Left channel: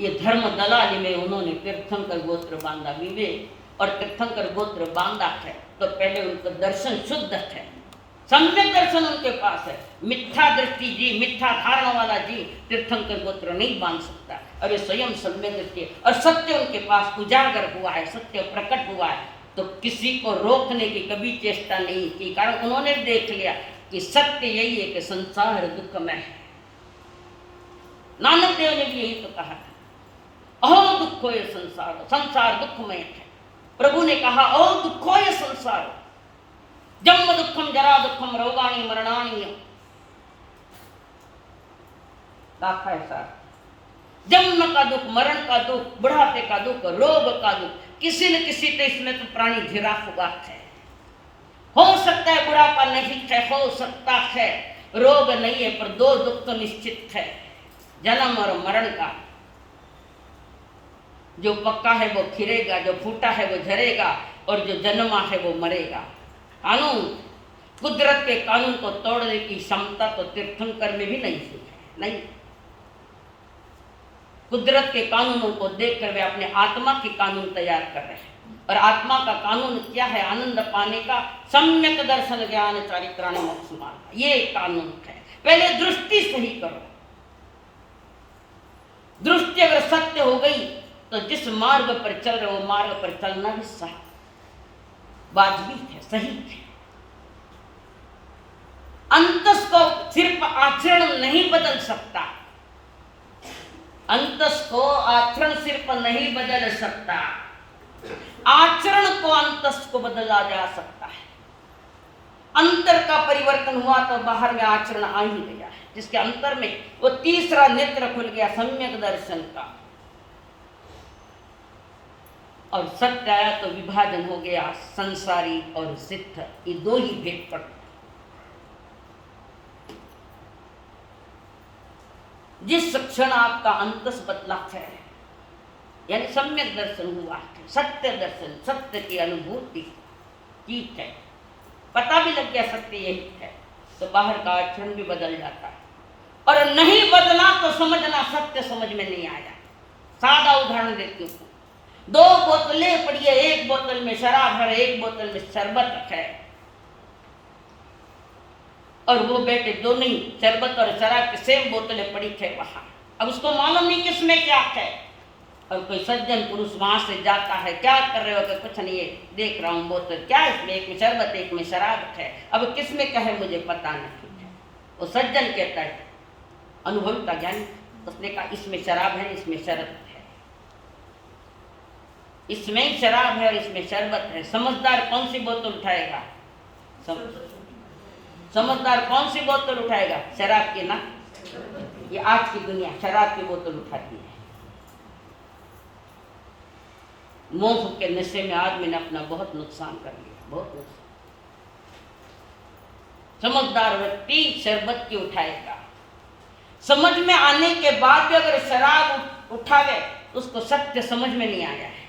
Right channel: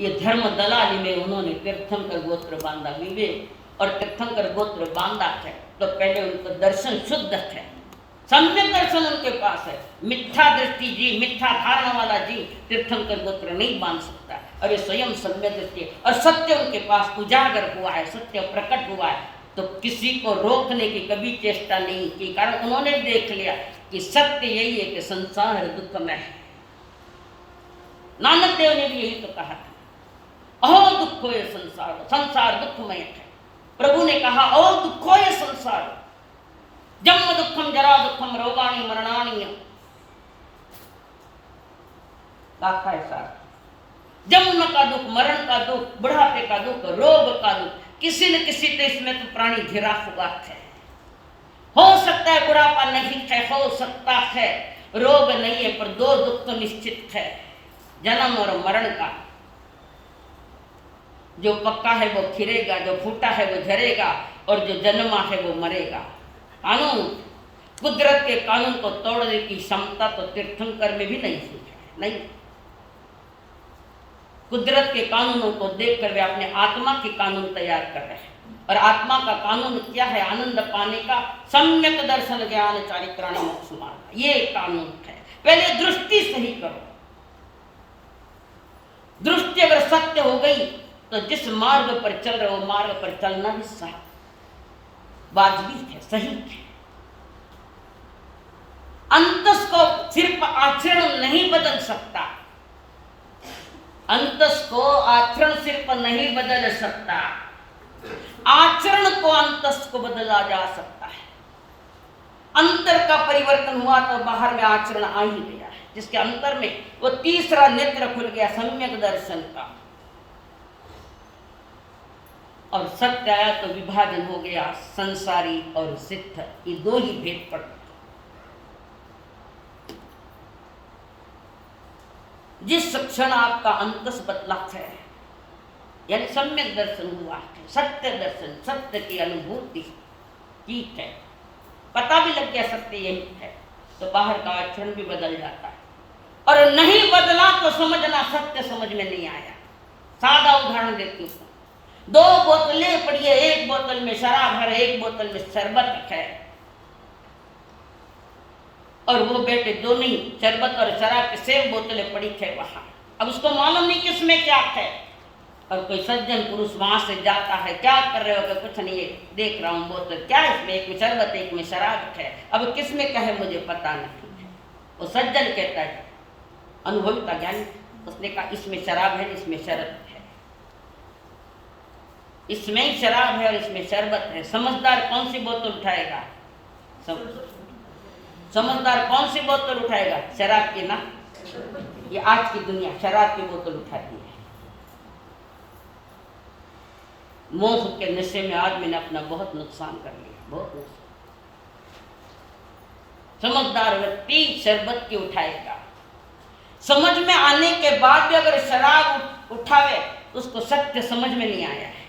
ये धर्म दलाली में उन्होंने तीर्थंकर गोत्र बांधा विवेक, और तीर्थंकर गोत्र बांधा है तो पहले उनको दर्शन शुद्ध है, सम्यक दर्शन उनके पास है। मिथ्या दृष्टि जीव, मिथ्या धारणा वाला जीव तीर्थंकर गोत्र नहीं बांध सकता, और ये स्वयं सम्यक दृष्टि है और सत्य उनके पास उजागर हुआ है, सत्य प्रकट हुआ है, तो किसी को रोकने की कभी चेष्टा नहीं की, कारण उन्होंने देख लिया कि सत्य यही है कि संसार दुखमय है। नानक देव ने भी यही तो कहा था, अहो दुखो ये संसार, संसार दुखमय है। प्रभु ने कहा अहो दुखो ये संसार, जन्म दुखम जरा दुखम रोगाणी मरणाणी, दाखा है सार, जन्म का दुख, मरण का दुख, बुढ़ापे का दुख, रोग का दुख, किसी न किसी तो इसमें तो प्राणी घिरा हुआ है। हो सकता है बुढ़ापा नहीं है, हो सकता है रोग नहीं है, पर दो दुख तो निश्चित है, जन्म और मरण का। जो पक्का है वो खिरेगा, जो फूटा है वो झरेगा, और जो जन्मा है वो मरेगा। कानून, कुदरत के कानून को तोड़ने की क्षमता तो तीर्थंकर में भी नहीं है, नहीं। कुदरत के कानूनों को देखकर वे अपने आत्मा के कानून तैयार कर रहे हैं, और आत्मा का कानून क्या है? आनंद पाने का, सम्यक दर्शन ज्ञान चारित्राणि मोक्ष मार्ग, ये कानून है। पहले दृष्टि सही करो, दृष्टि अगर सत्य हो गई तो जिस मार्ग पर चल रहे हो मार्ग पर चलना भी सही, वाजबी है, सही है। अंतस को सिर्फ आचरण नहीं बदल सकता, अंतस को आचरण सिर्फ नहीं बदल सकता, आचरण को अंतस को बदला जा सकता है। अंतर का परिवर्तन हुआ तो बाहर में आचरण आ ही गया है, जिसके अंतर में वो तीसरा नेत्र खुल गया, सम्यक दर्शन का, और सत्य आया तो विभाजन हो गया, संसारी और सिद्ध, ये दो ही भेद पड़ते। जिस क्षण आपका अंतस बदला है, यानी सम्यक दर्शन हुआ है, सत्य दर्शन, सत्य की अनुभूति, ठीक है, पता भी लग गया सत्य यही है, तो बाहर का आचरण भी बदल जाता है। और नहीं बदला तो समझना सत्य समझ में नहीं आया। सादा उदाहरण देती हूँ, दो बोतलें पड़ी है, एक बोतल में शराब है, एक बोतल में शरबत है, और वो बेटे दोनों ही शरबत और शराब के सेम बोतलें पड़ी है वहां। अब उसको मालूम नहीं किसमें क्या है, और कोई सज्जन पुरुष वहां से जाता है, क्या कर रहे हो? कि कुछ नहीं, है देख रहा हूँ बोतल, क्या इसमें, एक में शरबत एक में शराब है, अब किसमें क्या है मुझे पता नहीं है। वो सज्जन कहता है, अनुभवी का ज्ञान, उसने कहा इसमें शराब है, इसमें शरबत है, इसमें ही शराब है और इसमें शरबत है। समझदार कौन सी बोतल उठाएगा? समझदार कौन सी बोतल उठाएगा? शराब की ना। ये आज की दुनिया शराब की बोतल उठाती है। मोह के नशे में आदमी ने अपना बहुत नुकसान कर लिया, बहुत नुकसान। समझदार व्यक्ति शरबत की उठाएगा। समझ में आने के बाद भी अगर शराब उठावे उसको सत्य समझ में नहीं आया है,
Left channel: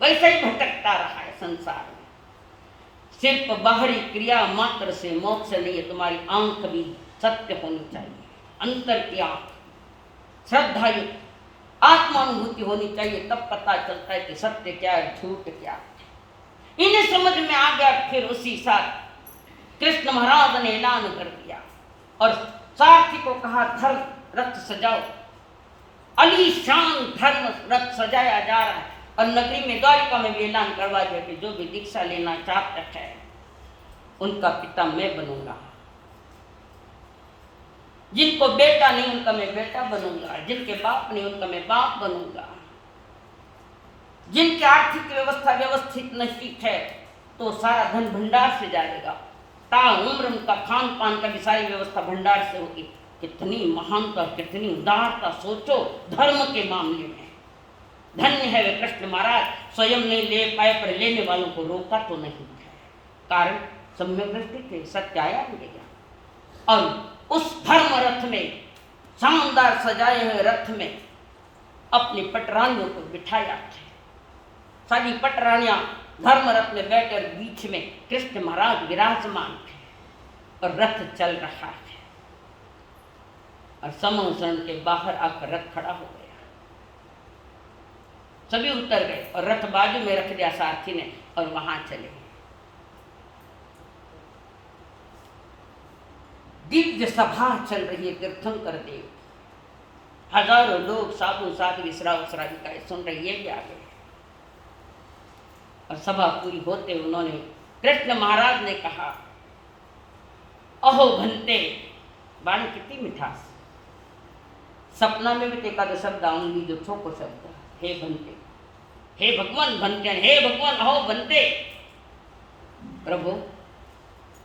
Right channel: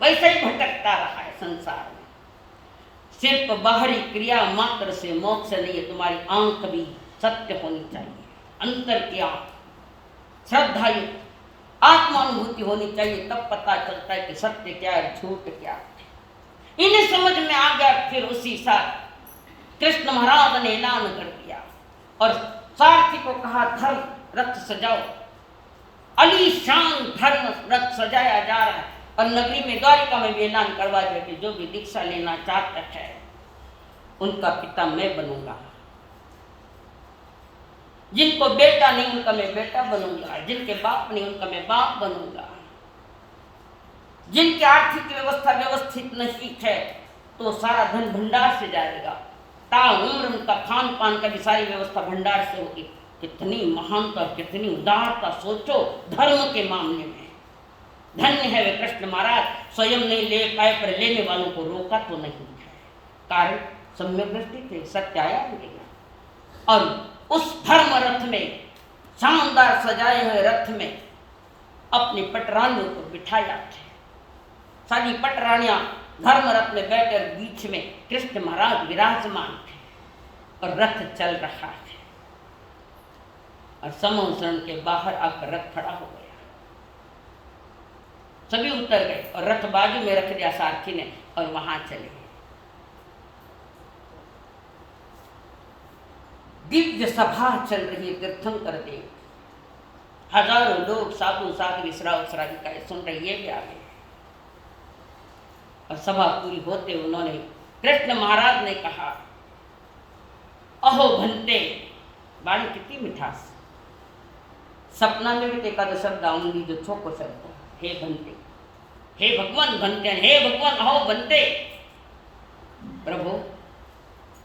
वैसे ही भटकता रहा है संसार में। सिर्फ बाहरी क्रिया मात्र से मोक्ष नहीं है, तुम्हारी आंख भी सत्य होनी चाहिए, अंतर की आंख, श्रद्धायुक्त आत्मानुभूति होनी चाहिए, तब पता चलता है कि सत्य क्या है, झूठ क्या है। इन्हें समझ में आ गया, फिर उसी साथ कृष्ण महाराज ने ऐलान कर दिया और सारथी को कहा धर्म रथ सजाओ। अलीशान धर्म रथ सजाया जा रहा है, और नगरी में द्वारिका में भी ऐलान करवा दिया कि जो भी दीक्षा लेना चाहता है उनका पिता मैं बनूंगा, जिनको बेटा नहीं उनका मैं बेटा बनूंगा, जिनके बाप नहीं उनका मैं बाप बनूंगा, जिनकी आर्थिक व्यवस्था व्यवस्थित नहीं है तो सारा धन भंडार से जाएगा, ताउम्र उनका खान पान का भी सारी व्यवस्था भंडार से होगी। कितनी महानता, कितनी उदारता, सोचो धर्म के मामले में। धन्य है वे कृष्ण महाराज, स्वयं नहीं ले पाए पर लेने वालों को रोका तो नहीं है, कारण सम्यक दृष्टि थे, सत्य आया मिलेगा। और उस धर्म रथ में, शानदार सजाए हुए रथ में अपनी पटरानियों को बिठाया है। सारी पटरानियां धर्म रथ में बैठे और बीच में कृष्ण महाराज विराजमान थे और रथ चल रहा है। और समूह शरण के बाहर आकर रथ खड़ा हो गया। सभी उतर गए और रथ बाजू में रख दिया सारथी ने और वहां चले। दिव्य सभा चल रही है तीर्थंकर देव, हजारों लोग साधु साध्वी श्राविकाएं सुन रही, ये भी आ गए। और सभा पूरी होते उन्होंने कृष्ण महाराज ने कहा, अहो भंते, वाणी कितनी मिठास, सपना में भी देखा तो शब्द आऊंगी जो छोको शब्द, हे भंते, हे भगवान भंते, हे भगवान अहो भंते। प्रभु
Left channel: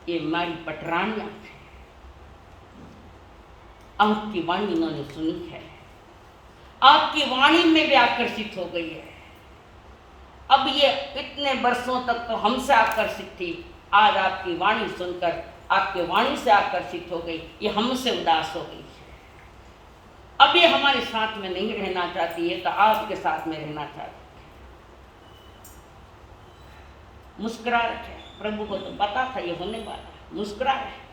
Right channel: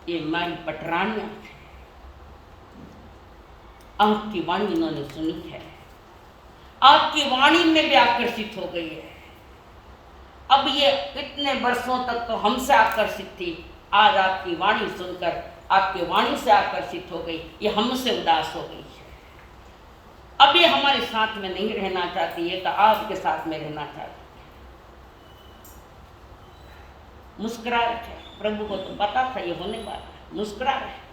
ये मारी पटरानियां है, आपकी वाणी इन्होंने सुनी है, आपकी वाणी में भी आकर्षित हो गई है। अब ये इतने वर्षों तक तो हमसे आकर्षित थी, आज आपकी वाणी सुनकर आपकी वाणी से आकर्षित हो गई, ये हमसे उदास हो गई है। अब ये हमारे साथ में नहीं रहना चाहती है, तो आपके साथ में रहना चाहती है। मुस्कुरा रहे, प्रभु को तो पता था ये होने वाला है, मुस्कुरा रहे।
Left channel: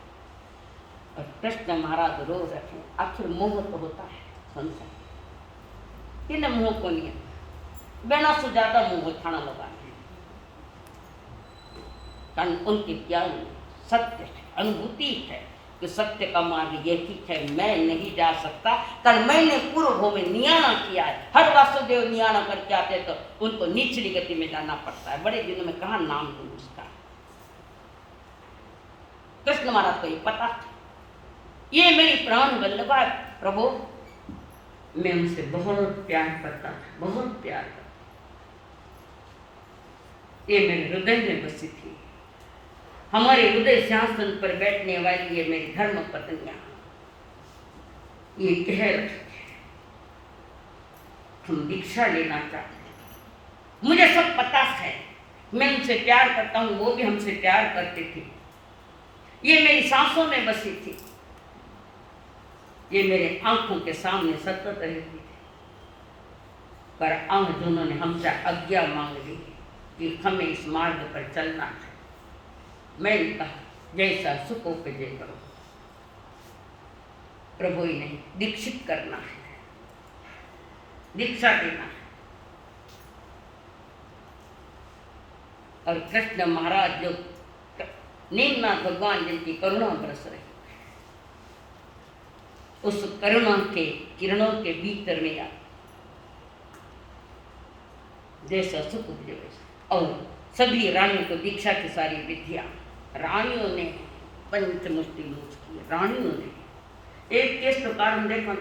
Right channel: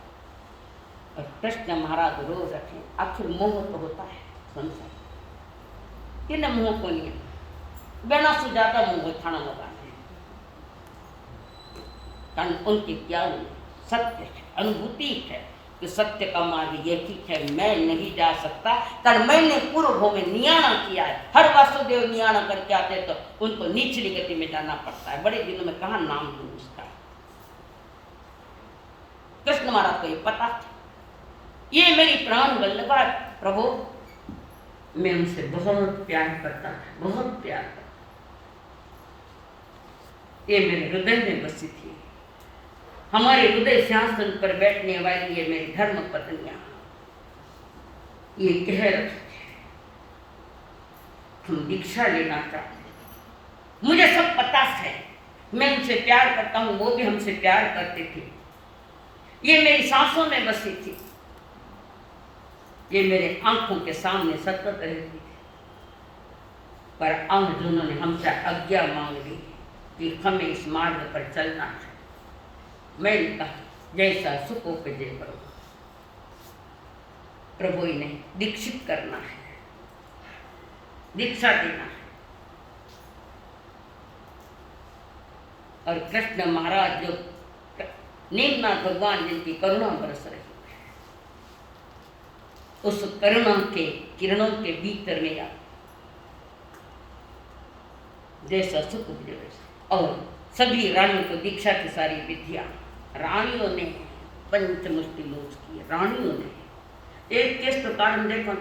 और कृष्ण महाराज रो रखे, आखिर मोह तो होता है संसार, किन मोह को नहीं, बिना से ज्यादा मुंह थाना लगाने, कारण उनके ज्ञान में सत्य है, अनुभूति है कि सत्य का मार्ग ये ठीक है, मैं नहीं जा सकता, कारण मैंने पूर्व भव में नियाणा किया है। हर वासुदेव नियाणा करके आते तो उनको निचली गति में जाना पड़ता है, बड़े दिनों में कहा नाम लूं उसका। कृष्ण महाराज को ये पता था, ये मेरी प्राण वल्लभा प्रभु, मैं उनसे बहुत प्यार करता था, बहुत प्यार करता, ये मेरे हृदय में बसी थी। हमारे हृदय सिंहासन पर बैठने वाली ये मेरी धर्म पत्नियां, ये कह रहे थे हम दीक्षा लेना चाहते हैं। मुझे सब पता है, मैं उनसे प्यार करता हूं, वो भी हमसे प्यार करते थे, ये मेरी सांसों में बसी थी, ये मेरे आंखों के सामने सतत रहती थी। पर आज उन्होंने हमसे आज्ञा मांग ली कि हमें इस मार्ग पर चलना है। मैंने कहा जैसा सुख उपजे करो, प्रभु ने दीक्षित करना है, दीक्षा देना है। और कृष्ण महाराज जो नीमनाथ भगवान जिनकी करुणा बरस रही, उस करुणा के किरणों के भीतर में जैसा सुख उपजे और सभी रानियों को दीक्षा की सारी विधियां रानियों ने पंचमुष्टि लोच की, रानियों ने एक केस तो कारण देखो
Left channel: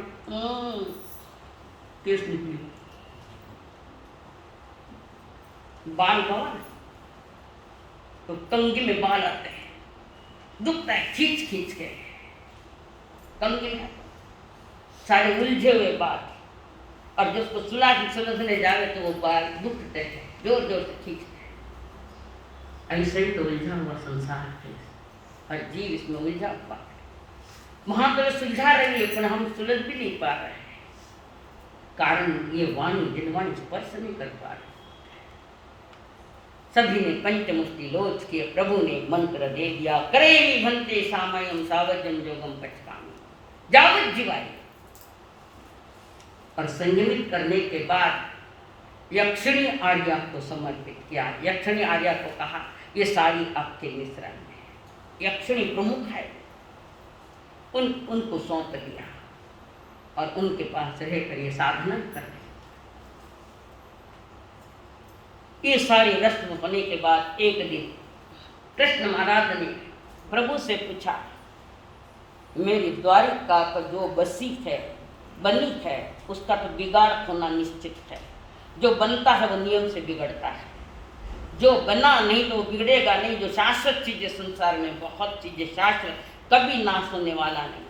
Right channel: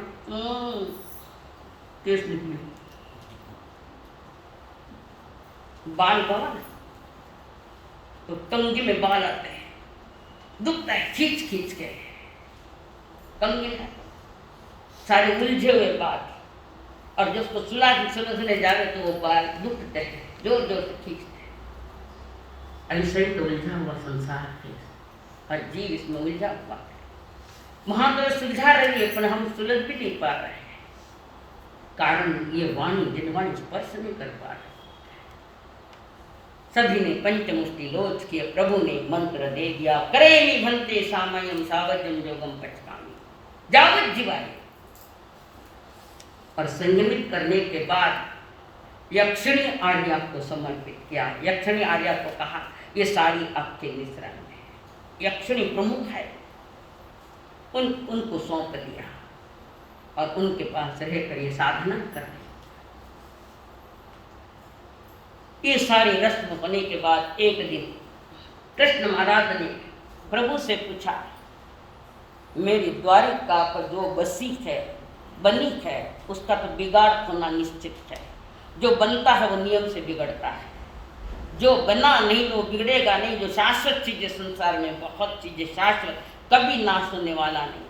केस निकली, बाल बाल तो कंगी में बाल आते हैं, दुखता है खींच खींच के, कंगी का सारे उलझे हुए बाल, और जिसको सुलझने जा रहे तो वो बाल दुखते हैं, जोर जोर से खींचते हैं। ऐसे ही तो उलझा हुआ संसार है, हर जीव इसमें उलझा हुआ है। महादेव सुलझा रही है पर हम सुलझ भी नहीं पा रहे हैं, कारण ये वाणी जिनवाणी स्पर्श नहीं कर पा रहे। सभी ने पंचमुष्टि लोच किए, प्रभु ने मंत्र दे दिया, करेमी भंते सामयम सावजम जोगम पचकामी, जावत जीवाय। और संयमित करने के बाद यक्षिणी आर्या को समर्पित किया। यक्षिणी आर्या को कहा ये सारी आपके मिश्रण में है, यक्षिणी प्रमुख है, उनको सौंप दिया और उनके पास रहकर ये साधना कर रही। ये सारी रस्म होने के बाद एक दिन कृष्ण महाराज ने प्रभु से पूछा, मेरी द्वारिका पर जो बसी है बनी है उसका तो बिगाड़ होना निश्चित है। जो बनता है वो नियम से बिगड़ता है, जो बना नहीं तो वो बिगड़ेगा नहीं। जो शाश्वत चीजें संसार में, बहुत चीजें शाश्वत, कभी नाश होने वाला नहीं।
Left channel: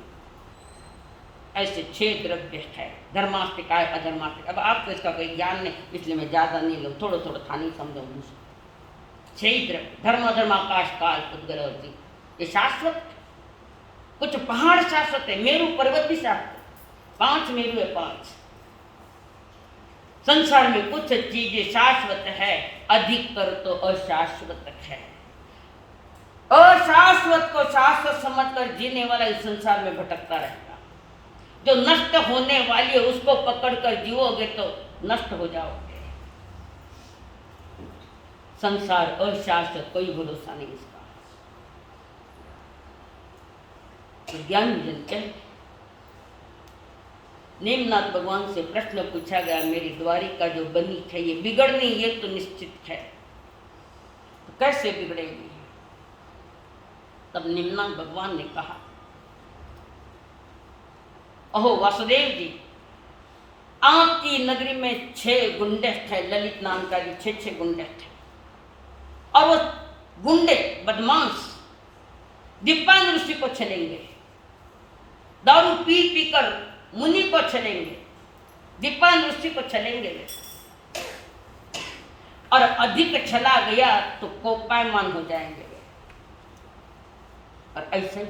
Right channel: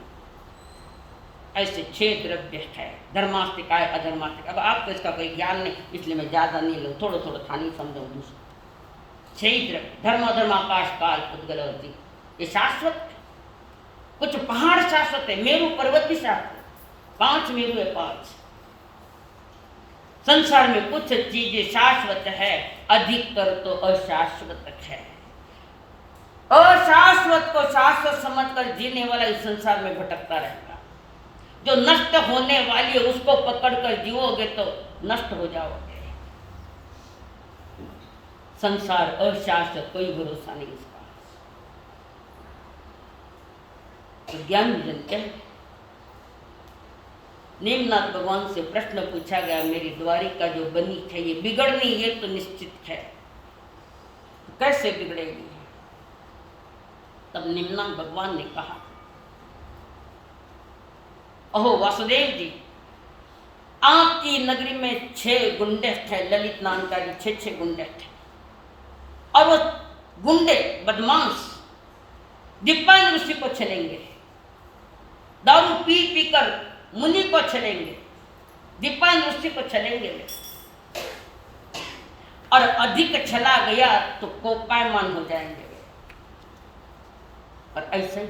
ऐसे 6 द्रव्य है, धर्मास्तिकाय अधर्मास्तिक। अब आपको इसका कोई ज्ञान नहीं, इसलिए मैं ज्यादा नहीं लूँ, थोड़ा थोड़ा था नहीं समझाऊँ दूसरा। 6 द्रव्य, धर्म अधर्म आकाश काल उद्गल और जीव, ये शाश्वत है। कुछ पहाड़ शाश्वत है, मेरू पर्वत भी शाश्वत, 5 मेरू है 5। संसार में कुछ चीजें शाश्वत है, अधिकतर तो अशाश्वत है। अशाश्वत को शाश्वत समझकर जीने वाला इस संसार में भटकता रहेगा। जो नष्ट होने वाली है उसको पकड़कर जीवोगे तो नष्ट हो जाओगे। संसार अशाश्वत, कोई भरोसा नहीं इसका। तो ज्ञान विजन कह नेमनाथ भगवान से प्रश्न पूछा गया, मेरी द्वारिका जो बनी है ये बिगड़नी, ये तो निश्चित है, तो कैसे बिगड़ेगी? तब नेमनाथ भगवान ने कहा, अहो वासुदेव जी, आपकी नगरी में 6 गुंडे थे, ललित नाम का जी 6 गुंडे थे, और वो गुंडे बदमाश दीपान ऋषि को छलेंगे, दारू पी पी कर मुनि को छलेंगे, दीपान ऋषि को छलेंगे वे, और अधिक छला गया तो कोपायमान हो जाएंगे वे। और ऐसे ही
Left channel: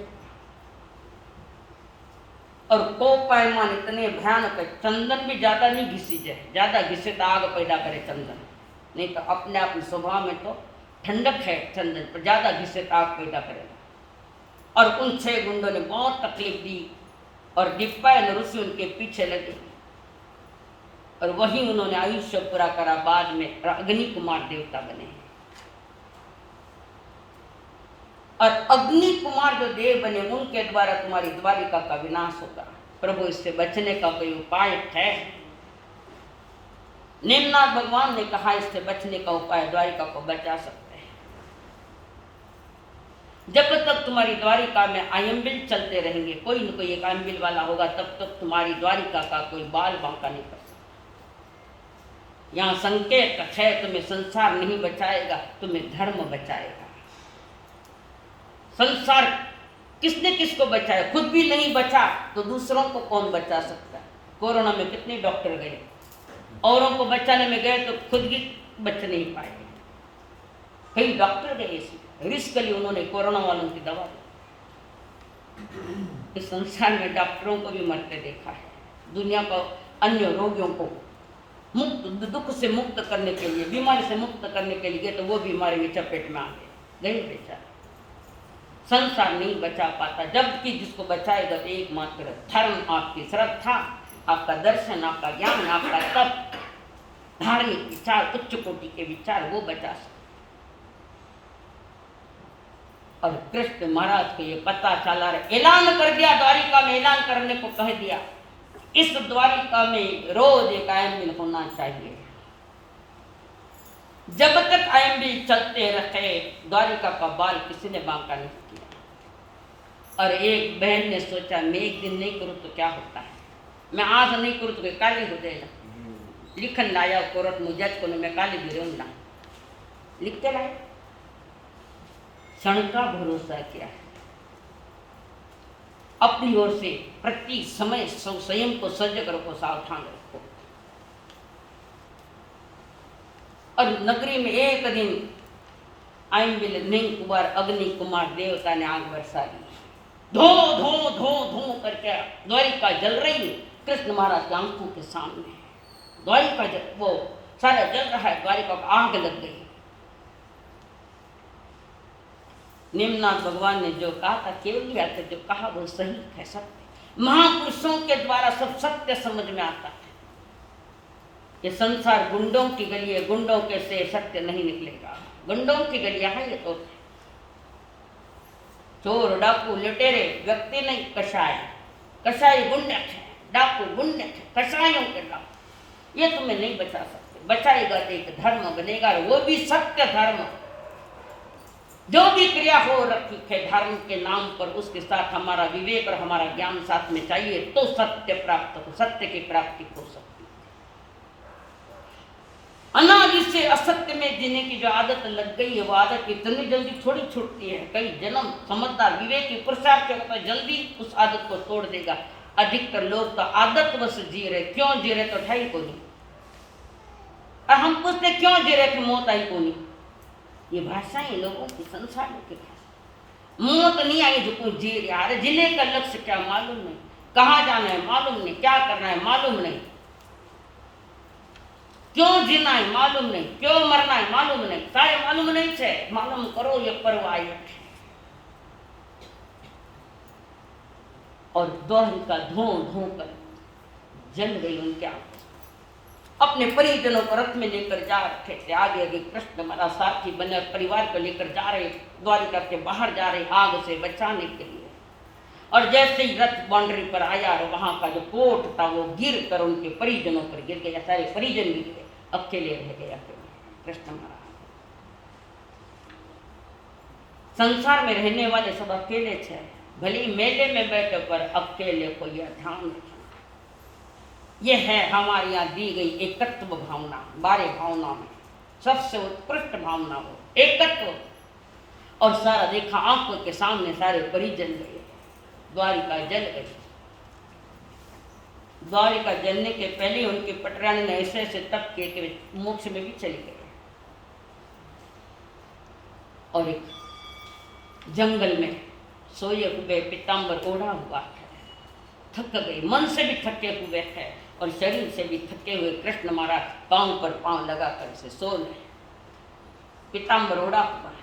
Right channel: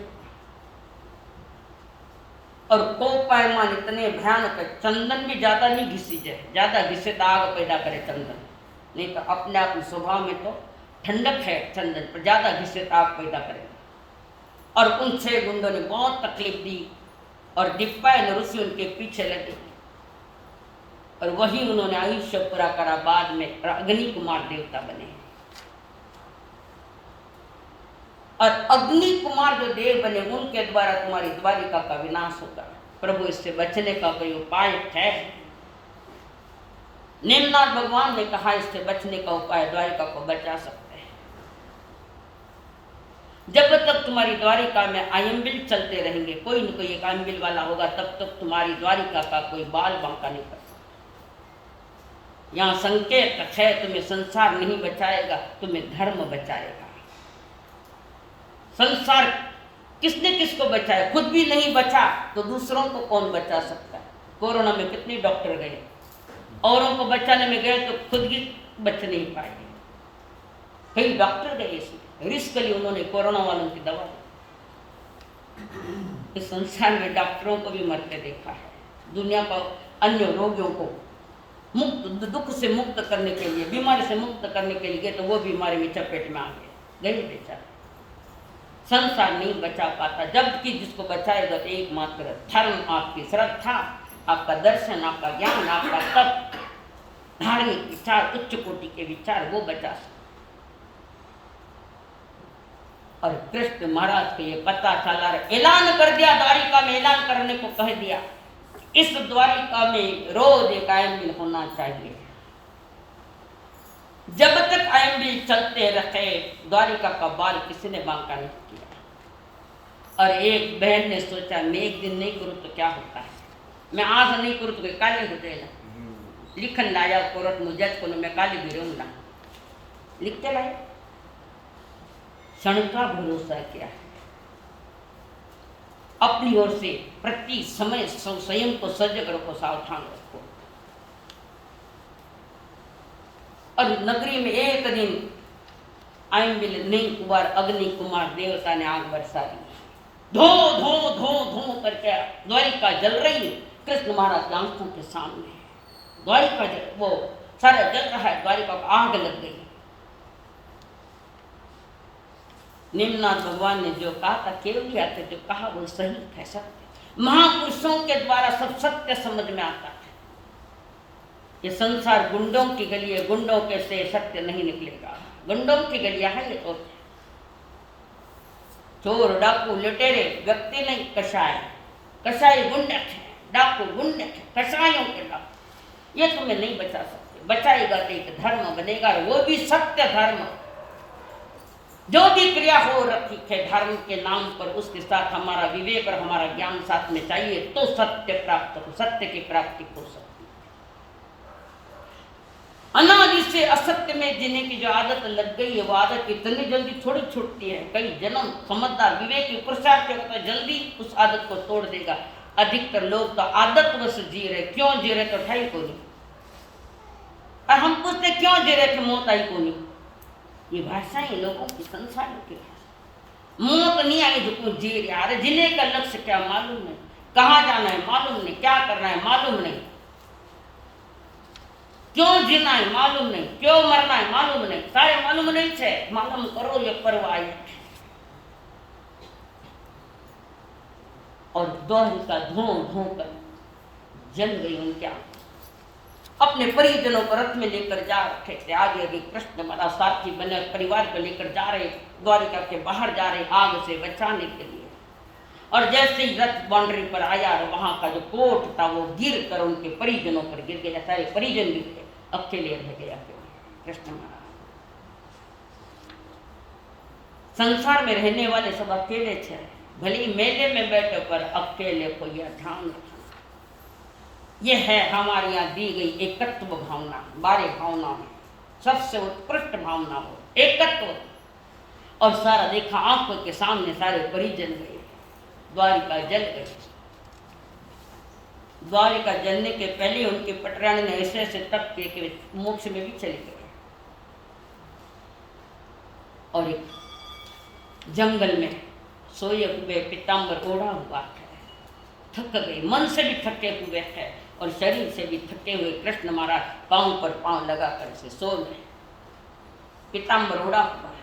और कोपायमान इतने भयानक है, चंदन भी ज्यादा नहीं घिसी जाए, ज्यादा घिसे तो आग पैदा करे चंदन, नहीं तो अपने आप स्वभाव में तो ठंडक है चंदन, पर ज्यादा घिसे तो आग पैदा करेगा। और उन 6 गुंडों ने बहुत तकलीफ दी और दीपायन ऋषि उनके पीछे लगे, और वही उन्होंने आयुष्य पूरा करा, बाद में अग्नि कुमार देवता बने। और अग्नि कुमार जो देव बने उनके द्वारा तुम्हारी द्वारिका का विनाश होगा। प्रभु इससे बचने का कोई उपाय है? नेमनाथ भगवान ने कहा इससे बचने का उपाय, द्वारिका को बचा सकते हैं। जब तक तुम्हारी द्वारिका में आयम्बिल चलते रहेंगे, कोई न कोई एक आयम्बिल वाला होगा, तब तक तुम्हारी द्वारिका का कोई बाल बांका नहीं कर सकता। यहाँ संकेत है, तुम्हें संसार नहीं बचाएगा, तुम्हें धर्म बचाएगा। संसार किसने किसको बचाया? खुद भी नहीं बचा तो दूसरों को कौन बचा सकता है? कोरोना में कितने डॉक्टर गए, औरों को बचाने में गए तो खुद ही बच नहीं पाए। कई डॉक्टर गए इसलिए रिस्क लिए उन्होंने कोरोना वालों की दवा दी। इस संसार में डॉक्टरों को भी मरते देखा है। दुनिया को अन्य रोगियों को मुक्त, दुख से मुक्त करने के लिए, बीमारी से मुक्त करने के लिए, तो वो बीमारी में चपेट में आ गए बेचारा। संसार नहीं बचा पाता, जबकि जिसको बचाएगा तो एकमात्र धर्म, आपकी श्रद्धा, आपका दर्शन, आपका ज्ञान, आपका तप, धार्मिक विचार, उच्च कोटि के विचार, वो बचा सकते। और कृष्ण महाराज को ये पता चला, ऐलान कर दिया, द्वारिका में ऐलान करने को कह दिया, इस द्वारिका में रोज एक आयम्बिल होना चाहिए। जब तक आयम्बिल चलते रहे, द्वारिका का बाल किसी ने बांका नहीं किया। और एक बहन ने सोचा, मैं एक दिन नहीं करूँ तो क्या होता है, मैं आज नहीं करूँ तो काले हो जाएगा। लिखन लाया कोर्ट में, जज को मैं काले भी रहूंगा, लिखते लाए। क्षण का भरोसा क्या है? अपनी ओर से प्रति समय स्वयं को सजग रखो, सावधान रखो। और नगरी में एक दिन आयम्बिल नहीं कुमार, अग्नि कुमार देवता ने आग बरसा दी। धो धो धो धो करके द्वारिका जल रही है कृष्ण महाराज की आंखों के सामने। द्वारिका वो सारा जल रहा है, द्वारिका को आग लग गई। नेमनाथ भगवान ने जो कहा था, केवल आते जो कहा वो सही है, सत्य। महापुरुषों के द्वारा सब सत्य समझ में आता है। ये संसार गुंडों की गली है, गुंडों के से सत्य नहीं निकलेगा। गुंडों की गलियां है ये तो। चोर डाकू लुटेरे व्यक्ति नहीं, कसाई, कसाई गुंडे थे, डाकू गुंडे थे, कसाईयों के डाकू, ये तुम्हें नहीं बचा सकते। बचाएगा तो एक धर्म बनेगा, वो भी सत्य धर्म। जो भी क्रिया हो रखी है धर्म के नाम पर, उसके साथ हमारा विवेक और हमारा ज्ञान साथ में चाहिए, तो सत्य प्राप्त हो, सत्य की प्राप्ति हो सकती है। अनादि से असत्य में जीने की जो आदत लग गई है, वो आदत इतनी जल्दी थोड़ी छूटती है। कई जन्म समझदार विवेकी पुरुषार्थ होता है, जल्दी उस आदत को तोड़ देगा। अधिकतर लोग तो आदतवश जी रहे, क्यों जी रहे तो ठाई को नहीं। और हम पूछते क्यों जी रहे थे, मौत आई को नहीं। ये भाषाएं लोगों की, संसारों की भाषा। मौत नहीं आई जो कोई जी रहा है, जीने का लक्ष्य क्या मालूम नहीं, कहाँ जाना है मालूम नहीं, क्या करना है मालूम नहीं, क्यों जीना है मालूम नहीं, क्यों मरना है मालूम नहीं, सारे मालूम नहीं है। मालूम करो ये परवाह है। और द्वारिका धो धो कर जल गई उनके आंख। अपने परिजनों को रथ में लेकर जा रहे थे। आगे आगे कृष्ण महाराज सारथी बने और परिवार को लेकर जा रहे, द्वारिका के बाहर जा रहे आग से बचाने के लिए। और जैसे ही रथ बाउंड्री पर आया और वहां का जो कोट था वो गिर कर उनके परिजनों पर गिर गया, सारे परिजन गिर गए, अकेले रह गया कृष्ण महाराज। संसार में रहने वाले सब अकेले थे, भले मेले में बैठे पर अकेले को यह ध्यान रखना। यह है हमारे यहाँ दी गई एकत्व भावना। 12 भावनाओं में सबसे उत्कृष्ट भावना हो एकत्व। और सारा देखा आंखों के सामने, सारे परिजन गए, द्वारिका जल गई। द्वारिका जलने के पहले उनके पटरानी ने ऐसे ऐसे तप किए कि मोक्ष में भी चले गए। और एक जंगल में सोए हुए पीताम्बर ओढ़ा हुआ है, थक गए, मन से भी थके हुए हैं और शरीर से भी थके हुए कृष्ण महाराज पांव पर पांव लगाकर से सो गए। पीताम्बर ओढ़ा हुआ है।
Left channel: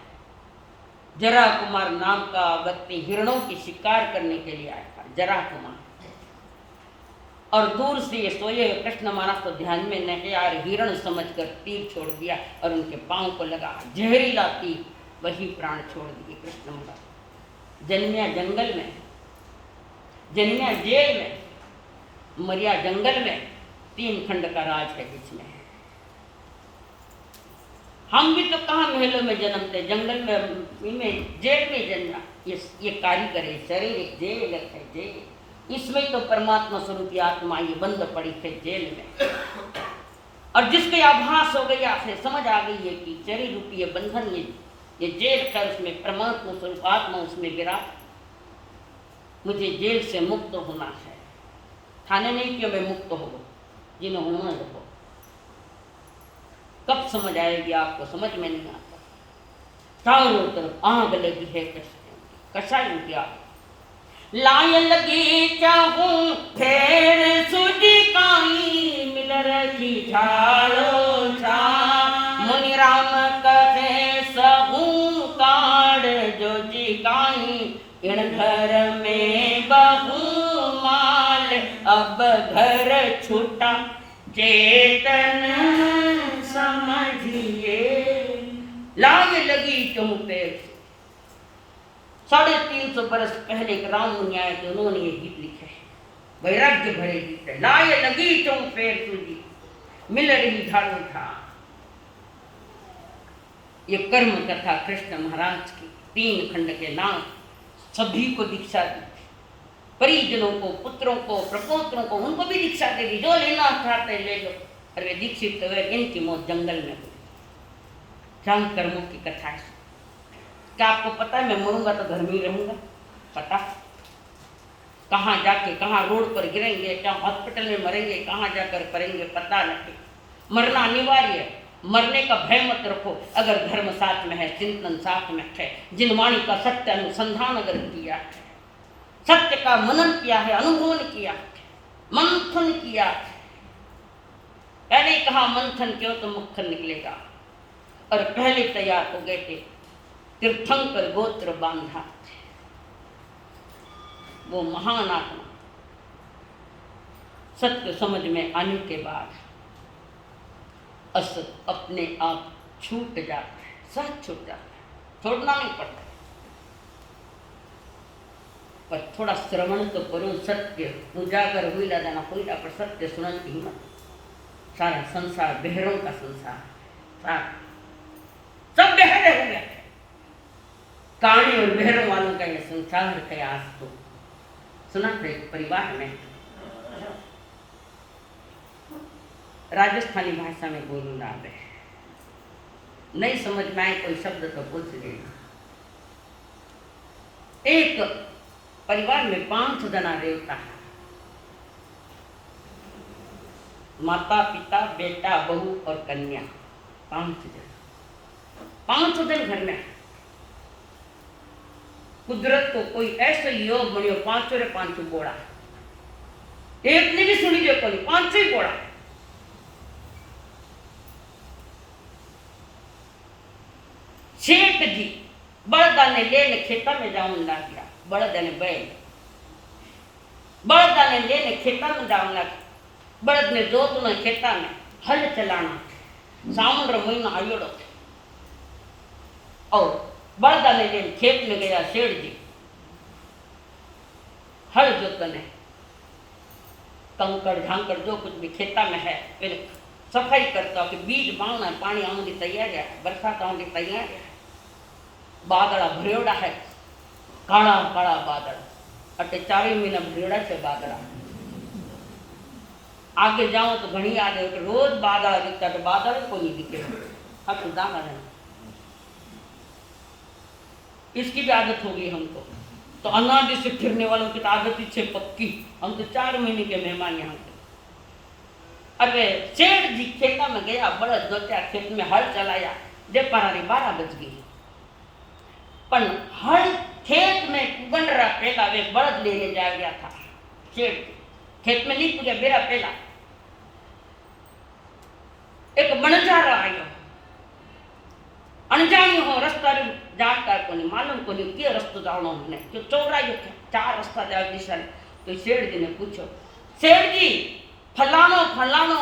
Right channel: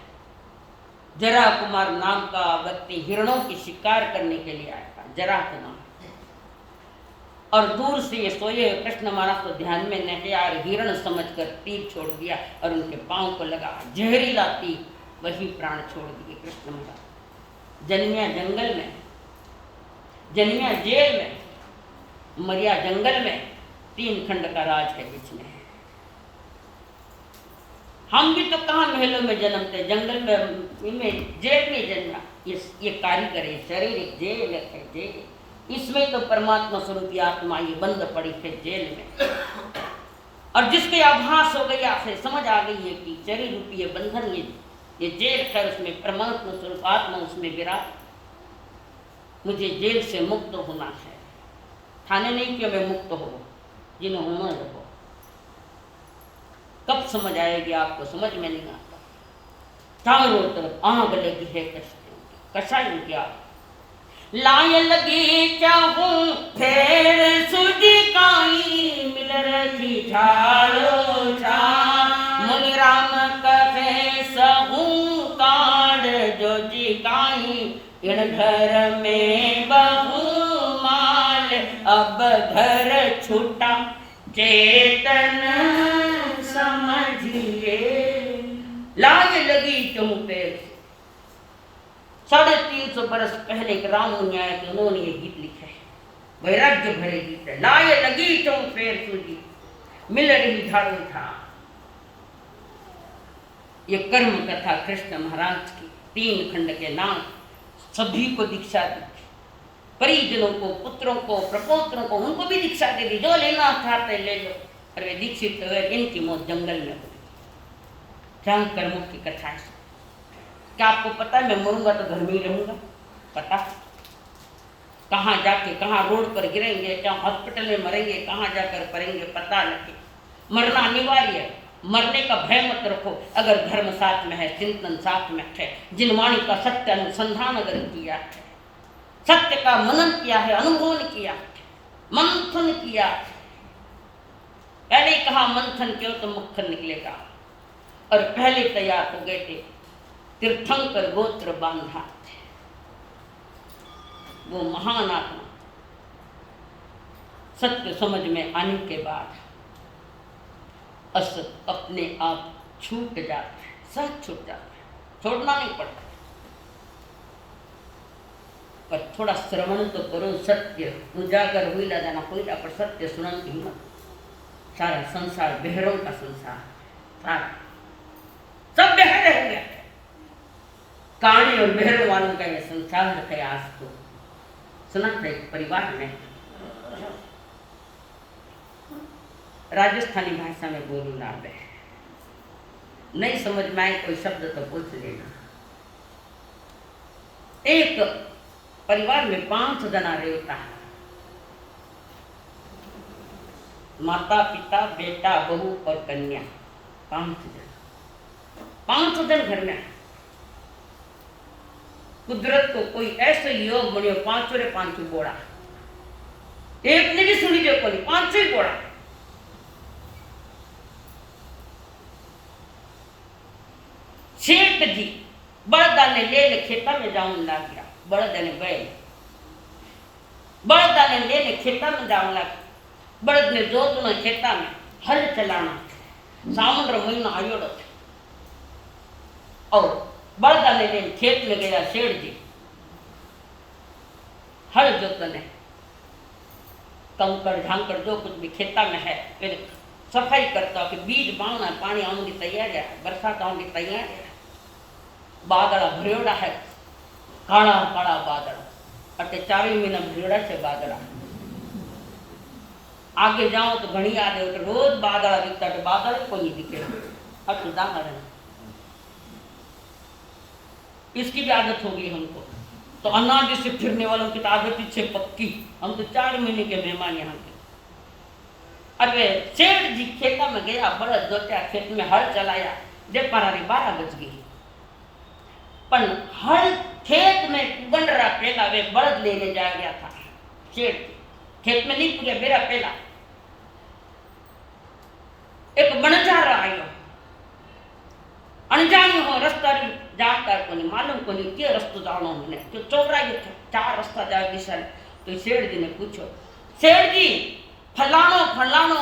जरा कुमार नाम का व्यक्ति हिरणों की शिकार करने के लिए आया था, जरा कुमार। और दूर से ये सोए हुए कृष्ण महाराज तो ध्यान में नहीं आ रहे, हिरण समझकर तीर छोड़ दिया और उनके पांव को लगा, जहरीला तीर, वही प्राण छोड़ दिए कृष्ण महाराज। जन्मिया जंगल में, जन्मिया जेल में, मरिया जंगल में, 3 खंड का राज है बीच में। हम भी तो कहाँ महलों में जन्मते, जंगल में, जेल में जन्मा। ये कारीगर है, शरीर एक जेल है, जेल। इसमें तो परमात्मा स्वरूपी आत्मा ये बंद पड़ी है जेल में। और जिसके आभास हो गया है, समझ आ गई है कि शरीर रूपी ये बंधन, ये जेल है, उसमें परमात्मा स्वरूप आत्मा उसमें विराट। मुझे जेल से मुक्त होना है। थाने नहीं कि मैं मुक्त हो, जिन्हें होना रहो। कब समझ आएगी आपको, समझ में नहीं आता। चारों तरफ आग लगी है कसाई की आग। लाय लगी चाहूं फेर सूझी काई, मिल रही झाड़ो झाड़। मुनि राम कहे सहू काड़ जो जी काई, इण घर में बहु माल, अब घर छूटा चेतन समझिए। लाज लगी तुम पे। 350 बरस पहले एक राम मुनि आए थे, उन्होंने ये गीत लिखा है, वैराग्य भरे गीत है। लाय लगी तुम फेर सूझी, मिल रही झाड़ू था। ये कर्म कथा कृष्ण महाराज की, 3 खंड के नाम, सभी को दीक्षा दी, परिजनों को, पुत्रों को, प्रपोत्रों को, उनको भी दीक्षा दे दी। जो लेना चाहते ले लो। और वे दीक्षित हुए, इनकी मौत जंगल में हुई। क्या कर्मों की कथा है। क्या आपको पता है मैं मरूंगा तो घर में ही रहूंगा? पता कहाँ जाके, कहाँ रोड पर गिरेंगे, क्या हॉस्पिटल में मरेंगे, कहाँ जाकर पड़ेंगे, पता नहीं। मरना अनिवार्य है, मरने का भय मत रखो। अगर धर्म साथ में है, चिंतन साथ में है, जिन वाणी का सत्य अनुसंधान अगर किया है, सत्य का मनन किया है, अनुभव किया है, मंथन किया है। पहले कहा मंथन क्यों तो मुखन निकलेगा। और पहले तैयार हो गए थे, तीर्थंकर गोत्र बांधा, वो महान आत्मा। सत्य समझ में आने के बाद असत अपने आप छूट जाता है, सहज छूट जाता है, छोड़ना नहीं पड़ता। पर थोड़ा श्रवण तो करो, सत्य उजागर हुई ला जाना हुई ला, पर सत्य सुनन की हिम्मत। सारा संसार बहरों का संसार, सारा सब बहरे हो गया। काणी और बहरों वालों का यह संसार है। आज तो सुना था एक परिवार में, राजस्थानी भाषा में बोलू ला रहे, नहीं समझ में आए कोई शब्द तो पूछ लेना। एक परिवार में 5 जना रहता है, माता पिता बेटा बहू और कन्या, 5 जन। 5 जन घर में। कुदरत को कोई ऐसे योग बनियो, 5 रे 5 बोड़ा, एक ने भी सुनी जो कोई 5 ही बोड़ा। सेठ जी बड़दा ने लेने खेता में जाऊन लग गया। बड़दा ने बैल, बड़दा ने लेने खेता में जाऊन लग, बड़द ने जोतना खेता में, हल चलाना सावन रो महीना आयोड़ो थे और बलदा ने लेन खेत में गया सेठ जी हल जोतने कंकड़ झांकड़ जो कुछ भी खेता में है पहले सफाई करता कि बीज बावना पानी आने की तैयारी है बरसात आने की तैयारी है बादड़ा भरेड़ा है काला काला बादड़ अटे 4 महीना भरेड़ा से बादड़ा आगे जाओ तो घनी आ जाए तो रोज बादड़ा दिखता तो बादड़ को नहीं दिखे हट दाना रहना इसकी भी आदत होगी हमको तो अनाज से फिरने वालों की तो आदत ही छे पक्की हम तो 4 महीने के मेहमान यहाँ के अरे सेठ जी खेता में गया बड़द जोत्या खेत में हल चलाया दे पारारी 12 बज गई पर हल खेत में गंडरा पेला वे बड़द लेने जा गया था सेठ खेत में नहीं पूजा बेरा पेला एक बनजारा आयो अनजानी हो रास्ता जानकार को नहीं मालूम को नहीं के रास्ता जानो हमने जो चौराई 4 रास्ता जाए दिशा तो सेठ जी ने पूछो सेठ जी फलानो फलानो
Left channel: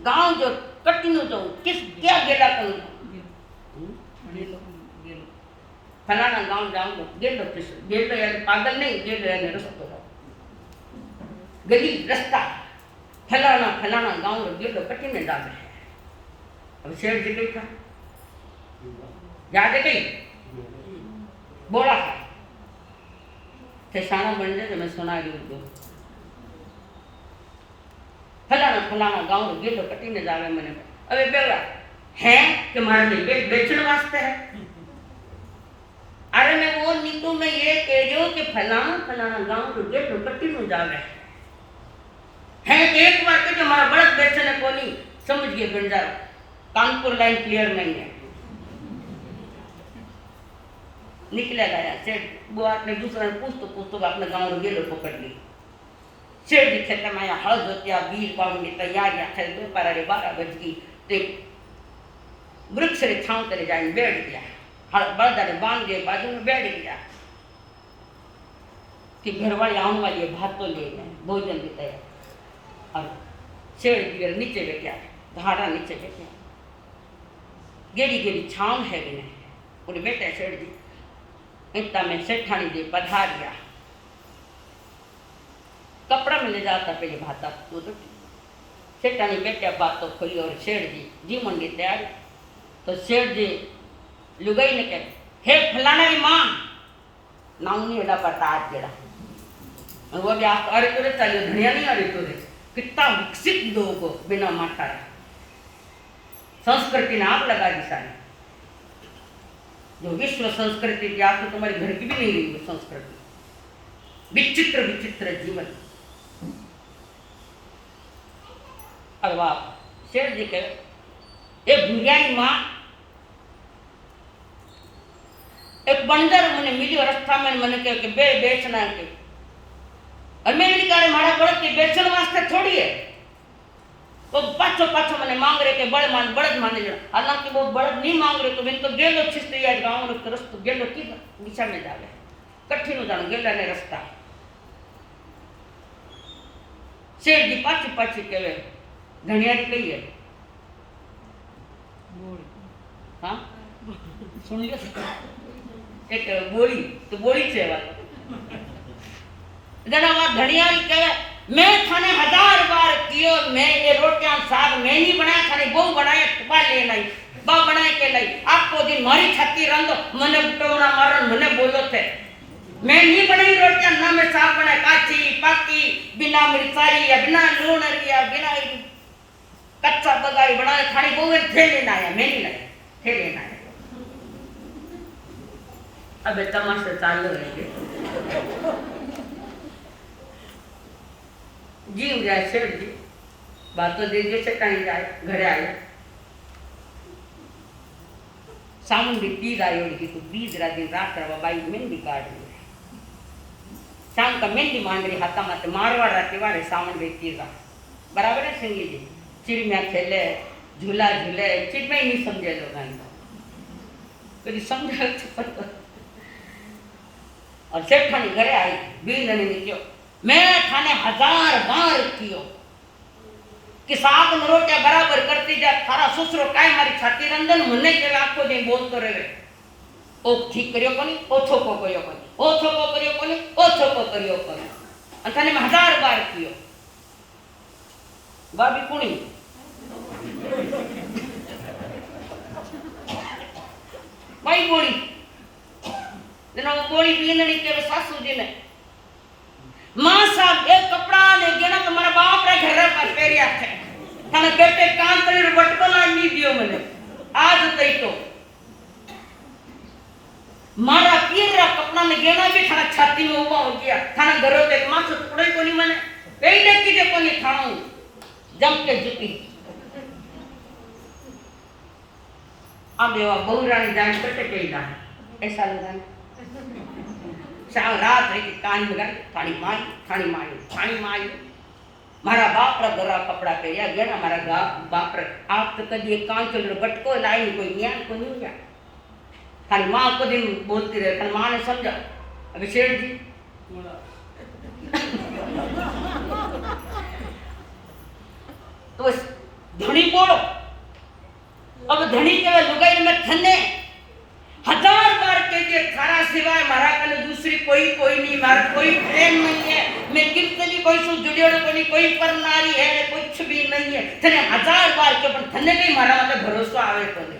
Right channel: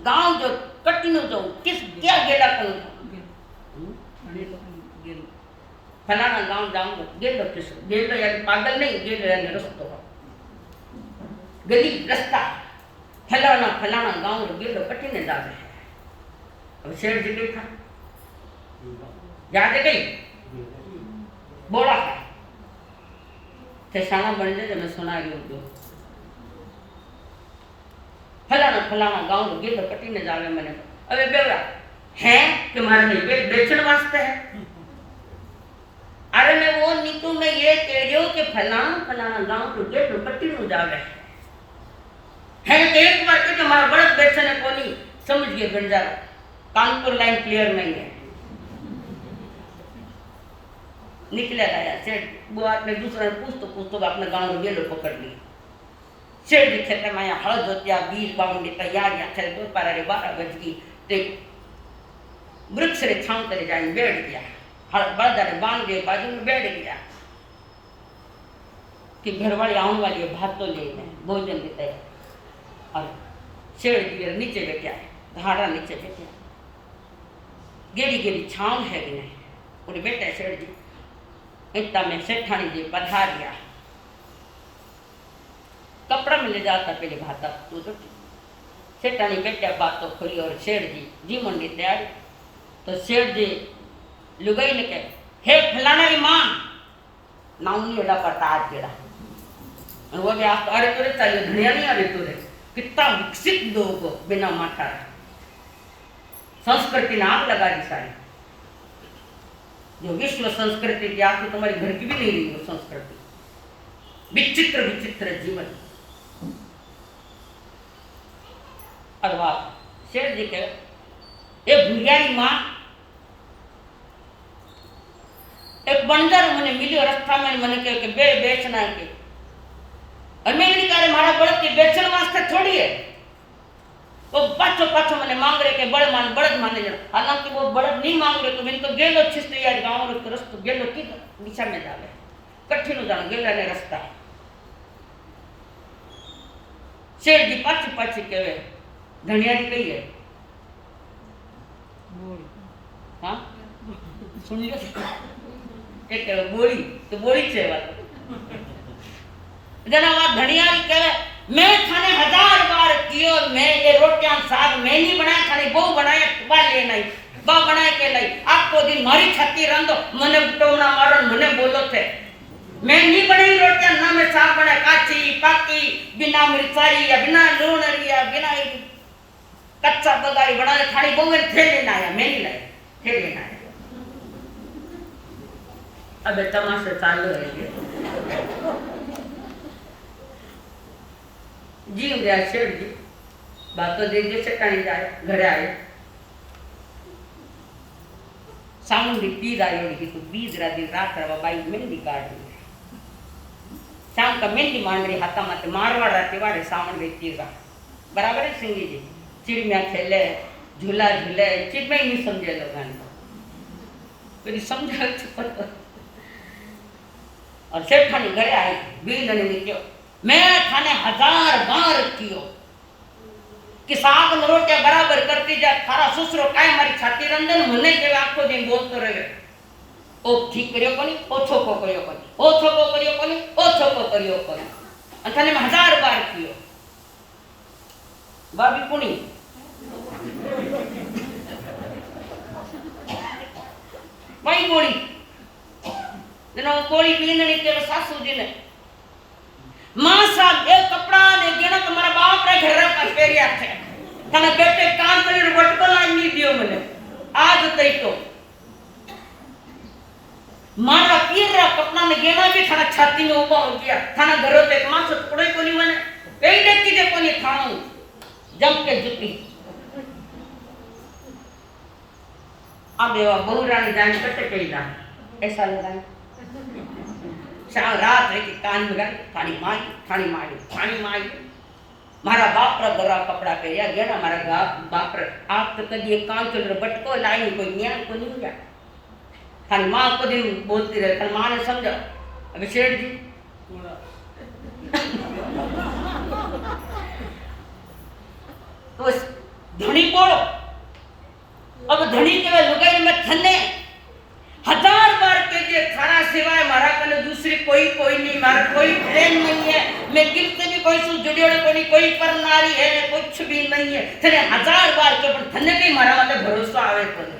गांव जो कटनु जो किस क्या गेला करूं फलाना गांव जाऊंगा गेलो किस गेलो यानी पागल नहीं गेलो यानी रास्ता गली रास्ता फलाना फलाना गांव गेलो कटने जावे है अब सेठ जी देखा याद गई बोला है थे शाना बन जाए मैं सुना रही हूँ फलाना फलाना गांव गेलो कटीने जावे मैंने अबे बेवा है कि मारे में बेचण वास्ते है अरे मैं वो नीतू में ये कह रही हूँ कि फलाना फलाना गांव गेलो कटीने जावे है तो एक बार तो हमारा बड़द बेचने को नहीं समझ गए बंजारा कानपुर लाइन क्लियर नहीं है निकला गया सेठ बुआ ने दूसरा पूछ तो अपने गांव में गेलो पकड़ ली सेठ जी खेत में आया हल जोतिया बीज बावने की तैयारियां थे दोपहर 12 बज गई ते वृक्ष रे छांव तले जाए बैठ गया हल बलदा ने बांध दिए बाजू में बैठ गया कि घरवाली आने वाली है भात तो लेने भोजन की तैयारी और सेठ जी नीचे बैठा धाड़ा नीचे बैठा गेड़ी गेड़ी छांव है कि नहीं पूरे बैठे सेठ जी इतना में सेठानी जी पधारिया कपड़ा में ले जाता पहले भाता तो सेठानी बैठा बात तो खोली और सेठ जी जी मंडी तैयारी तो सेठ जी लुगाई ने कह हे फलाना री मां नाउनी एडा पड़ता आज जेड़ा और वो भी आज अरे तुरे चाहिए धनिया नहीं अरे तुरे कितना विकसित लोग बिना माथा संस्कृति ने आग लगा दी सारी जो विश्व संस्कृति की आप तो तुम्हारी घर की भी नहीं रही वो संस्कृति विचित्र विचित्र जीवन अरे वाह शेर जी कहे ए भूरियारी मां एक बंदर मैंने मिली रास्ता में मैंने कहे कि बेचना के और मैं नहीं कह रही मारा बड़द के बेचने वास्ते थोड़ी है वो पाछो पाछो मैंने मांग रहे के बड़द माने जरा हालांकि वो बड़द नहीं मांग रहे तो मैंने तो गेलो छिस्ते यार गांव रो रस्तो गेलो की दिशा में जावे कठिन हो जानो गेला ने रास्ता सेठ जी पाछी पाछी कहवे धनियारी कही है हाँ सुन लियो एक बोली तो बोली छे वाला जना वहां धनियारी कहे मैं थाने 1000 बार कियो मैं ये रोटियां साग मैं नहीं बनाया थाने बहु बनाया तुबा ले नहीं बा बनाए के लाई आपको दिन मारी छाती रंदो मने टोना मारन मने बोलो थे मैं नहीं बनाई रोटियां ना मैं साग बनाया काची पाकी बिना मिर्चाई या बिना लूण या बिना कच्चा बगारी बनाए थाने बहु थे लेना आया मैं नहीं लाया थे लेना आया अबे तमाशा चालू है जी गया सेठ जी बात तो देखिए चटानी जाए घरे आए सावन भी तीज आई होगी तो बीज दिन रात रहा बाई मेहंदी काट रही शाम का मेहंदी मान रही हाथा माते मारवाड़ रहते वारे सावन भी तीजा बराबर है सिंगी जी चिड़िया खेले झूला झूले चिड़िया ही नहीं समझे लोग कभी समझा पता और सेठानी घरे आई बीज ने निकलो मैं थाने 1000 बार कियो कि शाक न रोटिया बराबर करती जा, थारा ससुरो काई मारी छाती रंजन मने के आखो दिन बोलतो रहे, ओ ठीक करियो कोनी, ओ छोको करियो कोनी, ओ छोको करियो कोनी, ओ छोको करियो कोनी, अंतने में 1000 बार कियो। बाबी कुणी भाई गोली जनो गोली पींदणी के सासू जी ने मां साहब एक कपड़ा ने गेना तो मारा बाप रे घर पर पेरिया थे तने बेटे कान तले वटको लानी दियो मने आज तई तो मारा पीरा कपड़ा ने गेना भी थाना छाती में उबा हो गया थाना घर पे मां से टुकड़े कोनी मने कई देखी जे कोनी थाणो जम के जुटी अब देवा बहुरानी जान कटे कईदा ऐसा लगा शाम रात है कि कान में गई थानी माई मारा बाप रा गरा कपड़ा पहरिया गेना मारा बाप रा आप तो कदी एक कान चल बटको लाई कोई न्याय को नहीं गया थानी मां को दिन बोलती रहे थानी मां ने समझा अबे शेठ जी तो धनी बोलो अब धनी के लुगाई में थने 1000 बार के जे थारा सिवाय मारा कने दूसरी कोई नहीं मारा कोई प्रेम नहीं है मैं किससे भी कोई सु जुड़ियो कोनी कोई पर नारी है ये कुछ भी नहीं है थने 1000 बार के पण थने भी मारा वाले भरोसा आवे कोनी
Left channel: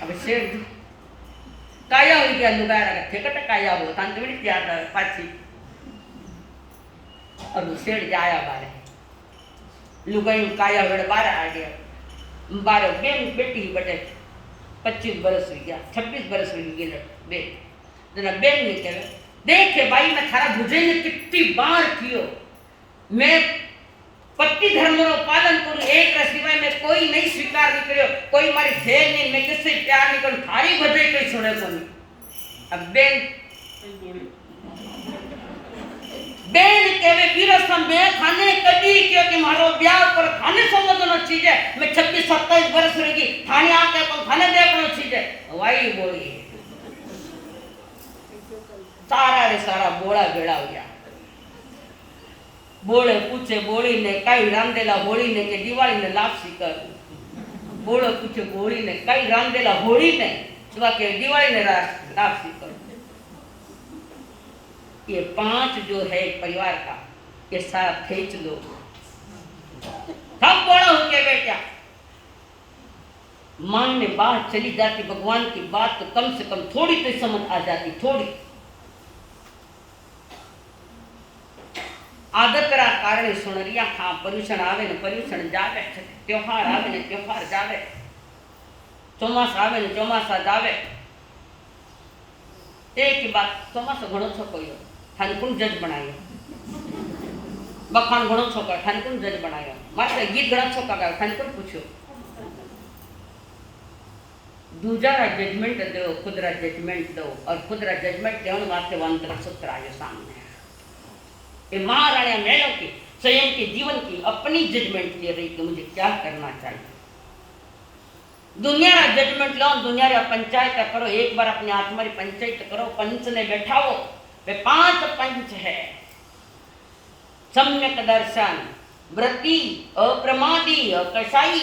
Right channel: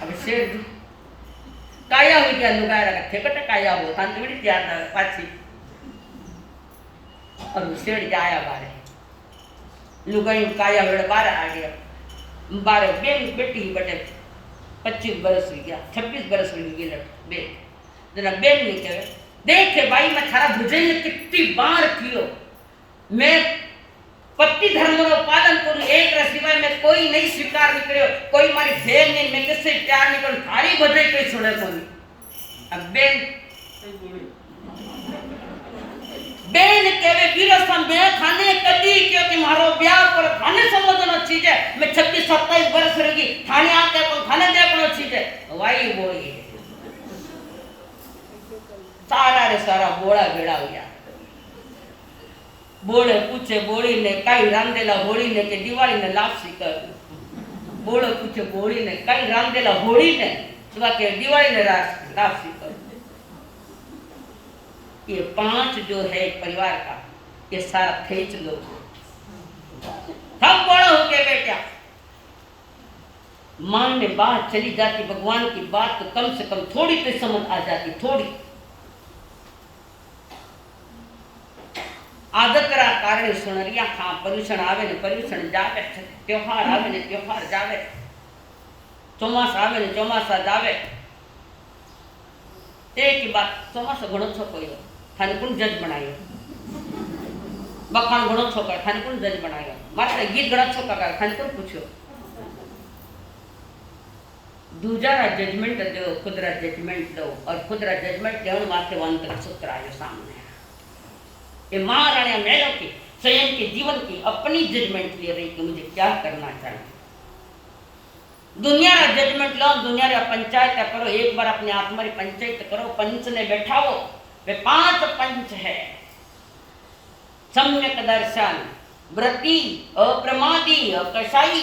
अब शेर काया हुई क्या लुगाई रहा थे कट काया हो थान तो बड़ी याद आ पाछी और शेर जाया बारे लुगाई काया वेड़ बार आ गया बारे बेन बेटी बटे 25 बरस हुई गया 26 बरस हुई गई बेन जना बेन ने कहे देखे भाई मैं थारा भुजई ने कितनी बार कियो मैं पति धर्म रो पालन करूं एक रा सिवाय मैं कोई नहीं स्वीकार नहीं करियो कोई मारी भेल नहीं मैं किससे प्यार नहीं करूं थारी भुजई कोई सुने कोनी अब बेन केवे वीरसम बे थाने कदी क्योंकि मारो ब्याह पर थाने समझनो चीज है मैं 26 27 वर्ष रही थाने आके को थाने देखनो चीज है वाई बोली सारा रे सारा बोला बेड़ा हो गया बोले पूछे बोली ने कई रांदेला होली ने के दिवाली ने लापसी कर बोले पूछे बोली ने कई रांदेला होली ने तो के दिवाली ने लापसी कर ये 5 जो है परिवार का ये सारा खींच लो सब बड़ा हो के बेटा मन में बात चली जाती भगवान की बात तो कम से कम थोड़ी तो समझ आ जाती थोड़ी आदत रा कारण सुनरिया हाँ पर्यूषण आवे ने पर्यूषण जावे त्योहार आवे ने त्योहार जावे चौमासा आवे ने चौमासा जावे एक ही बात चौमासा घणो छो कयो थाने कौन जज बनायो बखान घणो छो कर थाने कौन जज बनायो मात्र गीत घणा छो का थाने कौन पूछो दूसरा जजमेंट दो खुदरा जजमेंट दो और खुदरा जजमेंट देवन वास्ते वंतर सूत्र आयो सामने ये महाराणिया मेलो की स्वयं के जीवन की अपनी जजमेंट दे रही कि मुझे क्या करना चाहिए दुनिया रा जजमेंट लो दुनिया रा पंचायत करो एक बार अपने आत्मा री पंचायत करो पंच ने बैठाओ वे 5 पंच है सम्यक दर्शन व्रति अप्रमादी अकशाई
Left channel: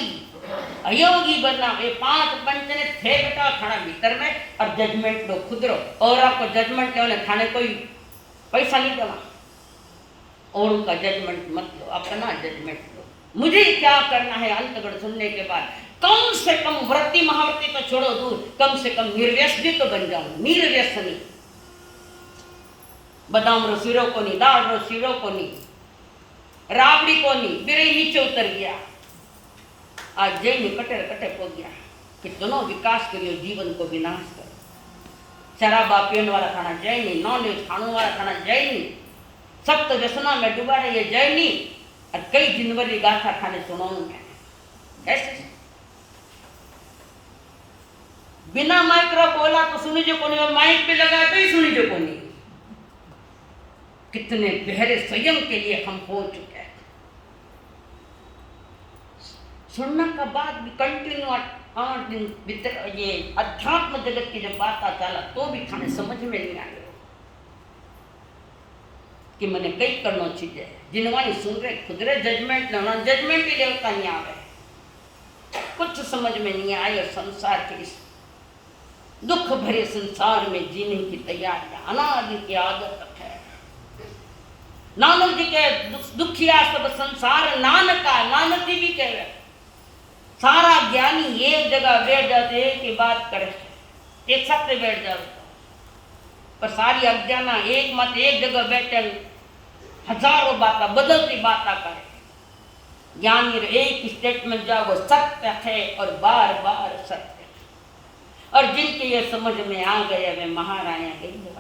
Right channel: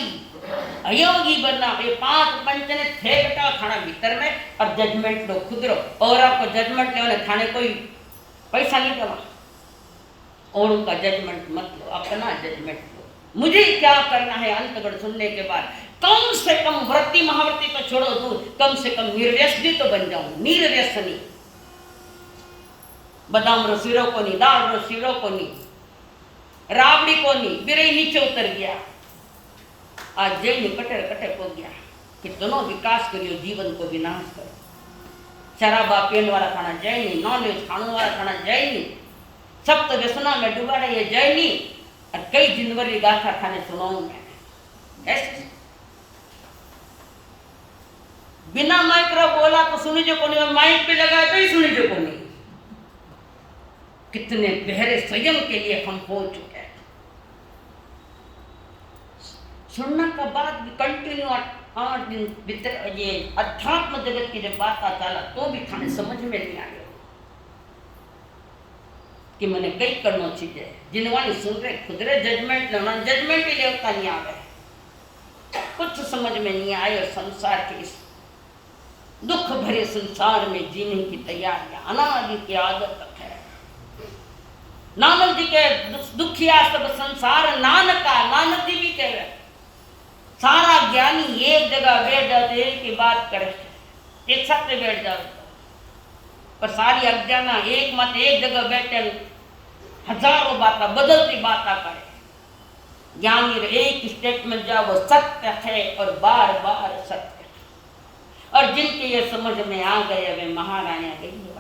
अयोगी बनना ये 5 पंच ने थे बैठा थाना भीतर में और जजमेंट लो खुद रो और आपको जजमेंट लेने थाने कोई पैसा नहीं देना और उनका जजमेंट मत लो अपना जजमेंट लो मुझे क्या करना है अंतगढ़ सुनने के बाद कम से कम व्रति महाव्रति तो छोड़ो दूर कम से कम निर्व्यसनी तो बन जाऊं निर्व्यसनी बादाम रो सिरो को नहीं दाल रो सिरो को नहीं राबड़ी को नहीं बिरई नीचे उतर गया आज जय ने कटे कटे पो गया कितनो विकास करियो जीवन को विनाश करो शराबा पीने वाला खाना जय नहीं नॉनवेज खाने वाला खाना जय नहीं सख्त व्यसना में डूबा रही है जय नहीं और कई जिनवरी गाथा खाने सुनाऊं मैं ऐसे बिना माइक रो बोला तो सुनी जो कोनी माइक पे लगा तो ही सुनी जो कोनी कितने गहरे स्वयं के लिए हम हो चुके हैं सुनने का बाद भी कंटिन्यू 8 दिन भीतर ये अध्यात्म जगत की जब बात चला तो भी थाने समझ में नहीं आया कि मैंने कई करनो चीजें जिनवानी सुन रहे खुद रे जजमेंट लेना जजमेंट ही लेवता नहीं आ गए, कुछ समझ में नहीं आए। और संसार के इस दुख भरे संसार में जीने की तैयारियां अनादि की आदत है। नानक जी के दुखिया सब संसार नानका, नानक जी भी कह रहे सारा ज्ञानी एक जगह बैठ जाते एक ही बात करे, एक सत्य बैठ जाओ पर सारी अज्ञाना एक मत एक जगह बैठे हजारों बातें बदलती बातें करे। ज्ञानी एक स्टेटमेंट जाओ वो सत्य है और बार बार सत्य है। और जिनके ये समझ में आ गए वे महारानियां गई है।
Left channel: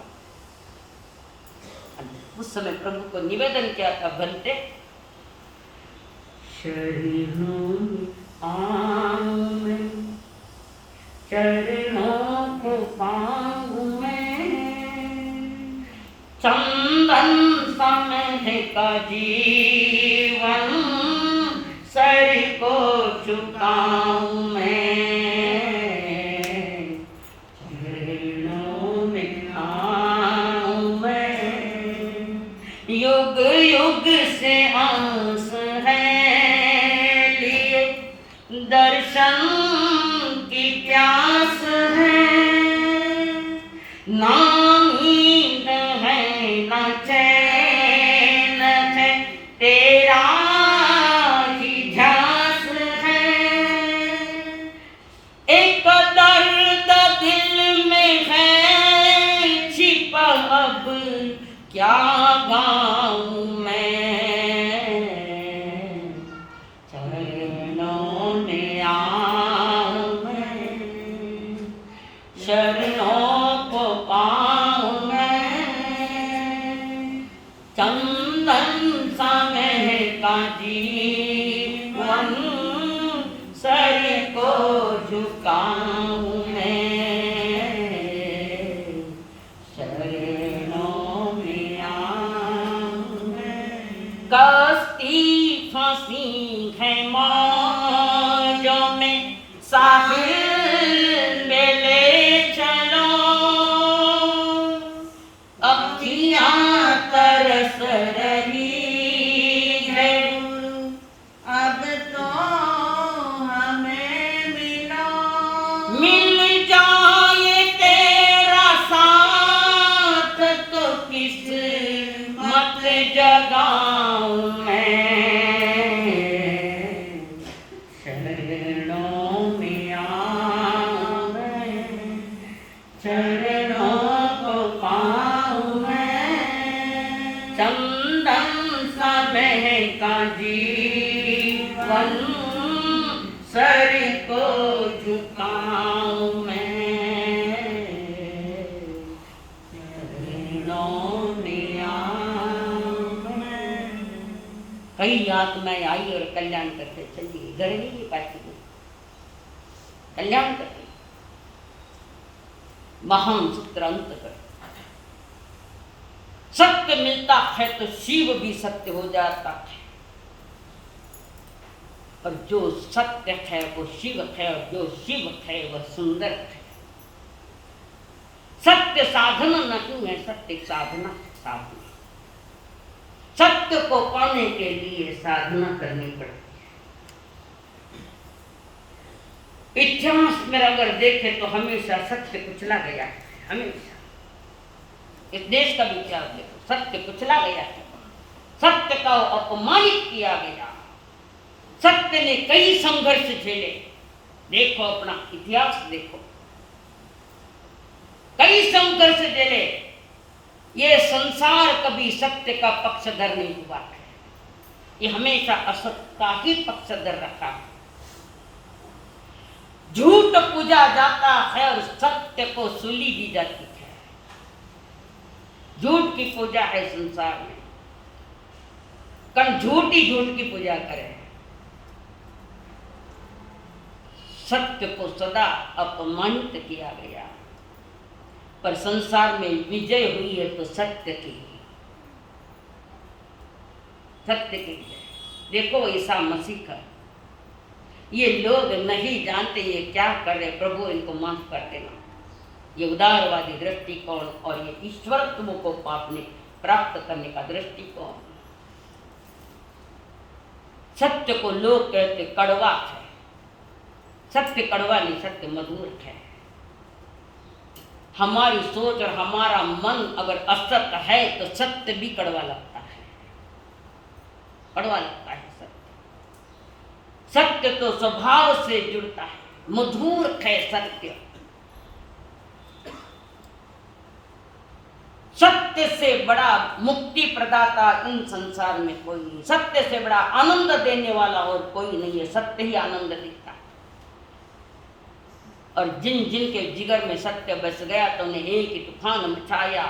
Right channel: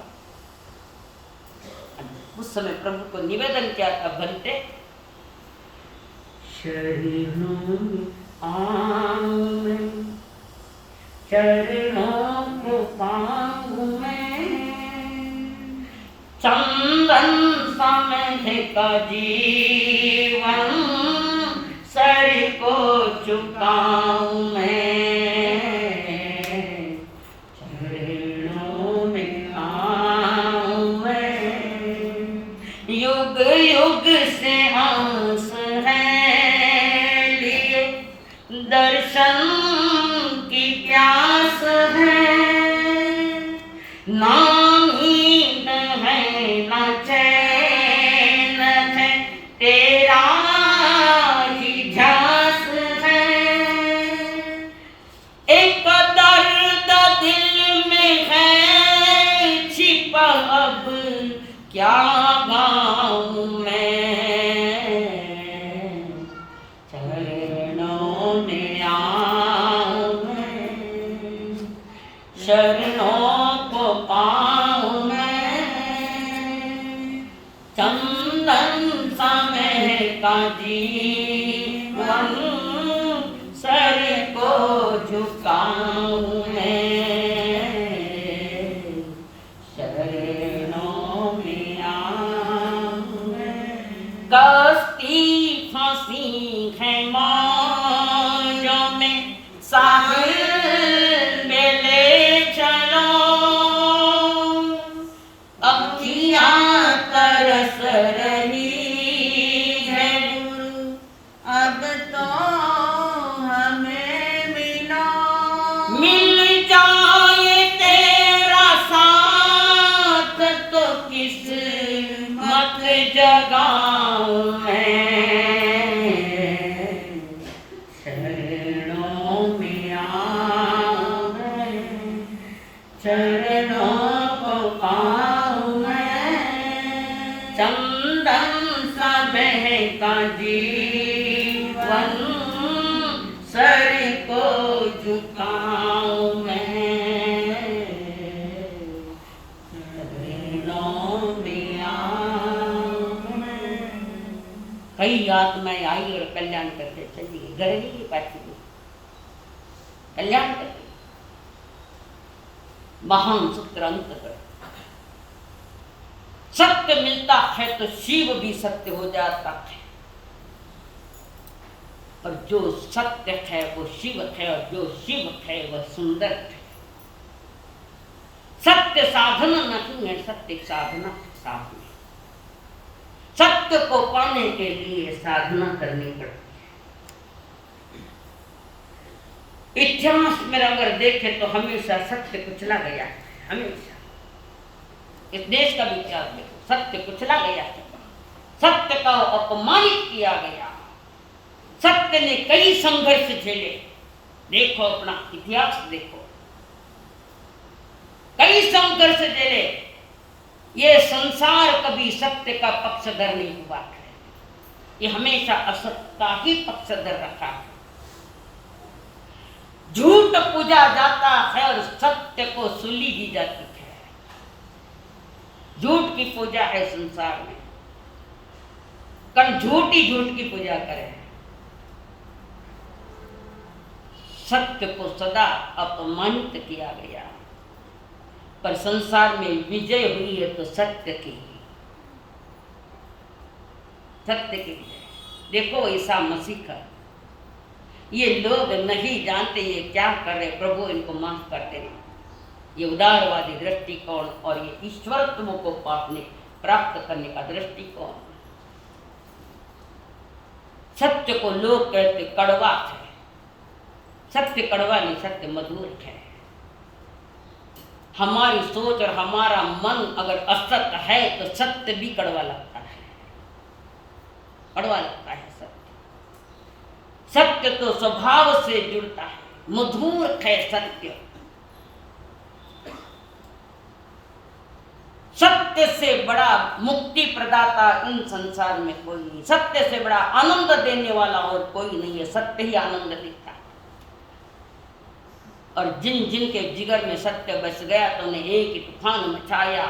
उस समय प्रभु को निवेदन किया था, बनते शरणों में चरणों को पाऊं मैं, चंदन समझ का जीवन सर को झुकाऊं मैं, चरणों में आऊं मैं। युग युग से आस है लिए दर्शन की प्यास है, ना नींद है ना चैन है तेरा ही ध्यास है। एक दर्द दिल में है छिपा अब क्या गाऊं मैं, चरणों में आऊं मैं, शरणों को पाऊं मैं। चंदन सा महका जीवन सर को झुकाऊं मैं, शरणों में आऊं मैं। कश्ती फंसी है मौजों में साहिल में ले चलो, अखियां तरस रही है अब तो हमें मिलो, मिल जाए तेरा साथ तो किस्मत जगाऊं मैं, शरणों में आऊं मैं, चरणों को पाऊं मैं। चंदन सा महका जीवन सर को झुकाऊं मैं, चरणों में आऊं मैं। कई आत्माएं आई और कल्याण करके चली गई, घर नहीं पाती, कल्याण करके महान सूत्र अंत कर। सत्य मिलता है तो शिव भी सत्य हो जाता है, और जो सत्य है वो शिव है, और जो शिव है वह सुंदर है। सत्य साधन नहीं है, सत्य साधना है, साधना। सत्य को पाने के लिए साधना करनी पड़ती है। इतिहास में अगर देखें तो हमेशा सत्य कुचला गया है, हमेशा। इस देश का भी इतिहास देखो, सत्य कुचला गया है, सत्य का अपमानित किया गया। सत्य ने कई संघर्ष झेले, देखो अपना इतिहास देखो, कई संघर्ष झेले। ये संसार कभी सत्य का पक्षधर नहीं हुआ है, ये हमेशा असत्य का ही पक्षधर रखा है। झूठ पूजा जाता है और सत्य को सूली दी जाती है। झूठ की पूजा है संसार में, कल झूठ ही झूठ की पूजा करे। सत्य को सदा अपमानित किया गया, पर संसार में विजय हुई है तो सत्य की, सत्य की विजय। देखो ईसा मसीह का, ये लोग नहीं जानते ये क्या कर रहे, प्रभु इनको माफ कर देना। ये उदारवादी दृष्टिकोण और ये ईश्वरत्व को पाने प्राप्त करने का दृष्टिकोण। सत्य को लोग कहते कड़वा है, सत्य कड़वा नहीं, सत्य मधुर है। हमारी सोच और हमारा मन अगर असत्य है तो सत्य भी कड़वा लगता है, कड़वा लगता है सत्य। सत्य तो स्वभाव से जुड़ता है, मधुर है सत्य। सत्य से बड़ा मुक्ति प्रदाता इन संसार में कोई नहीं, सत्य से बड़ा आनंद देने वाला और कोई नहीं है। सत्य ही आनंद देता है। और जिन जिन के जिगर में सत्य बस गया तो उन्हें एक ही तूफान मचाया।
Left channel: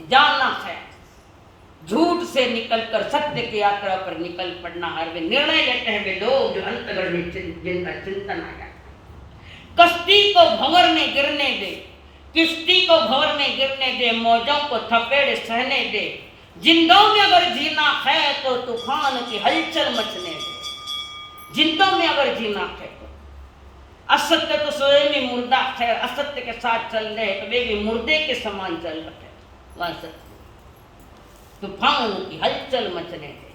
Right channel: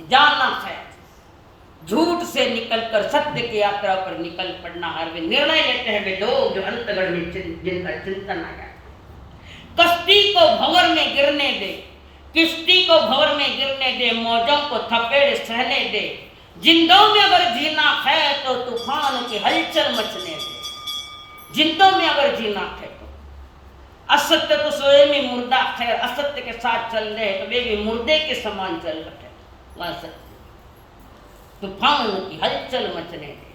जानना है झूठ से निकलकर सत्य की यात्रा पर निकल पड़ना। हर वे निर्णय लेते हैं वे लोग जो अंतगढ़ में जिनका चिंतन आया। कश्ती को भंवर में गिरने दे, किश्ती को भंवर में गिरने दे, मौजों को थपेड़ सहने दे। जिंदों में अगर जीना है तो तूफान की हलचल मचने दे। जिंदों में अगर जीना है तो असत्य तो स्वयं ही मुर्दा है, असत्य के साथ चल रहे तो वे भी मुर्दे के समान चल रहे। वह सत्य तूफान की हलचल मचने दे।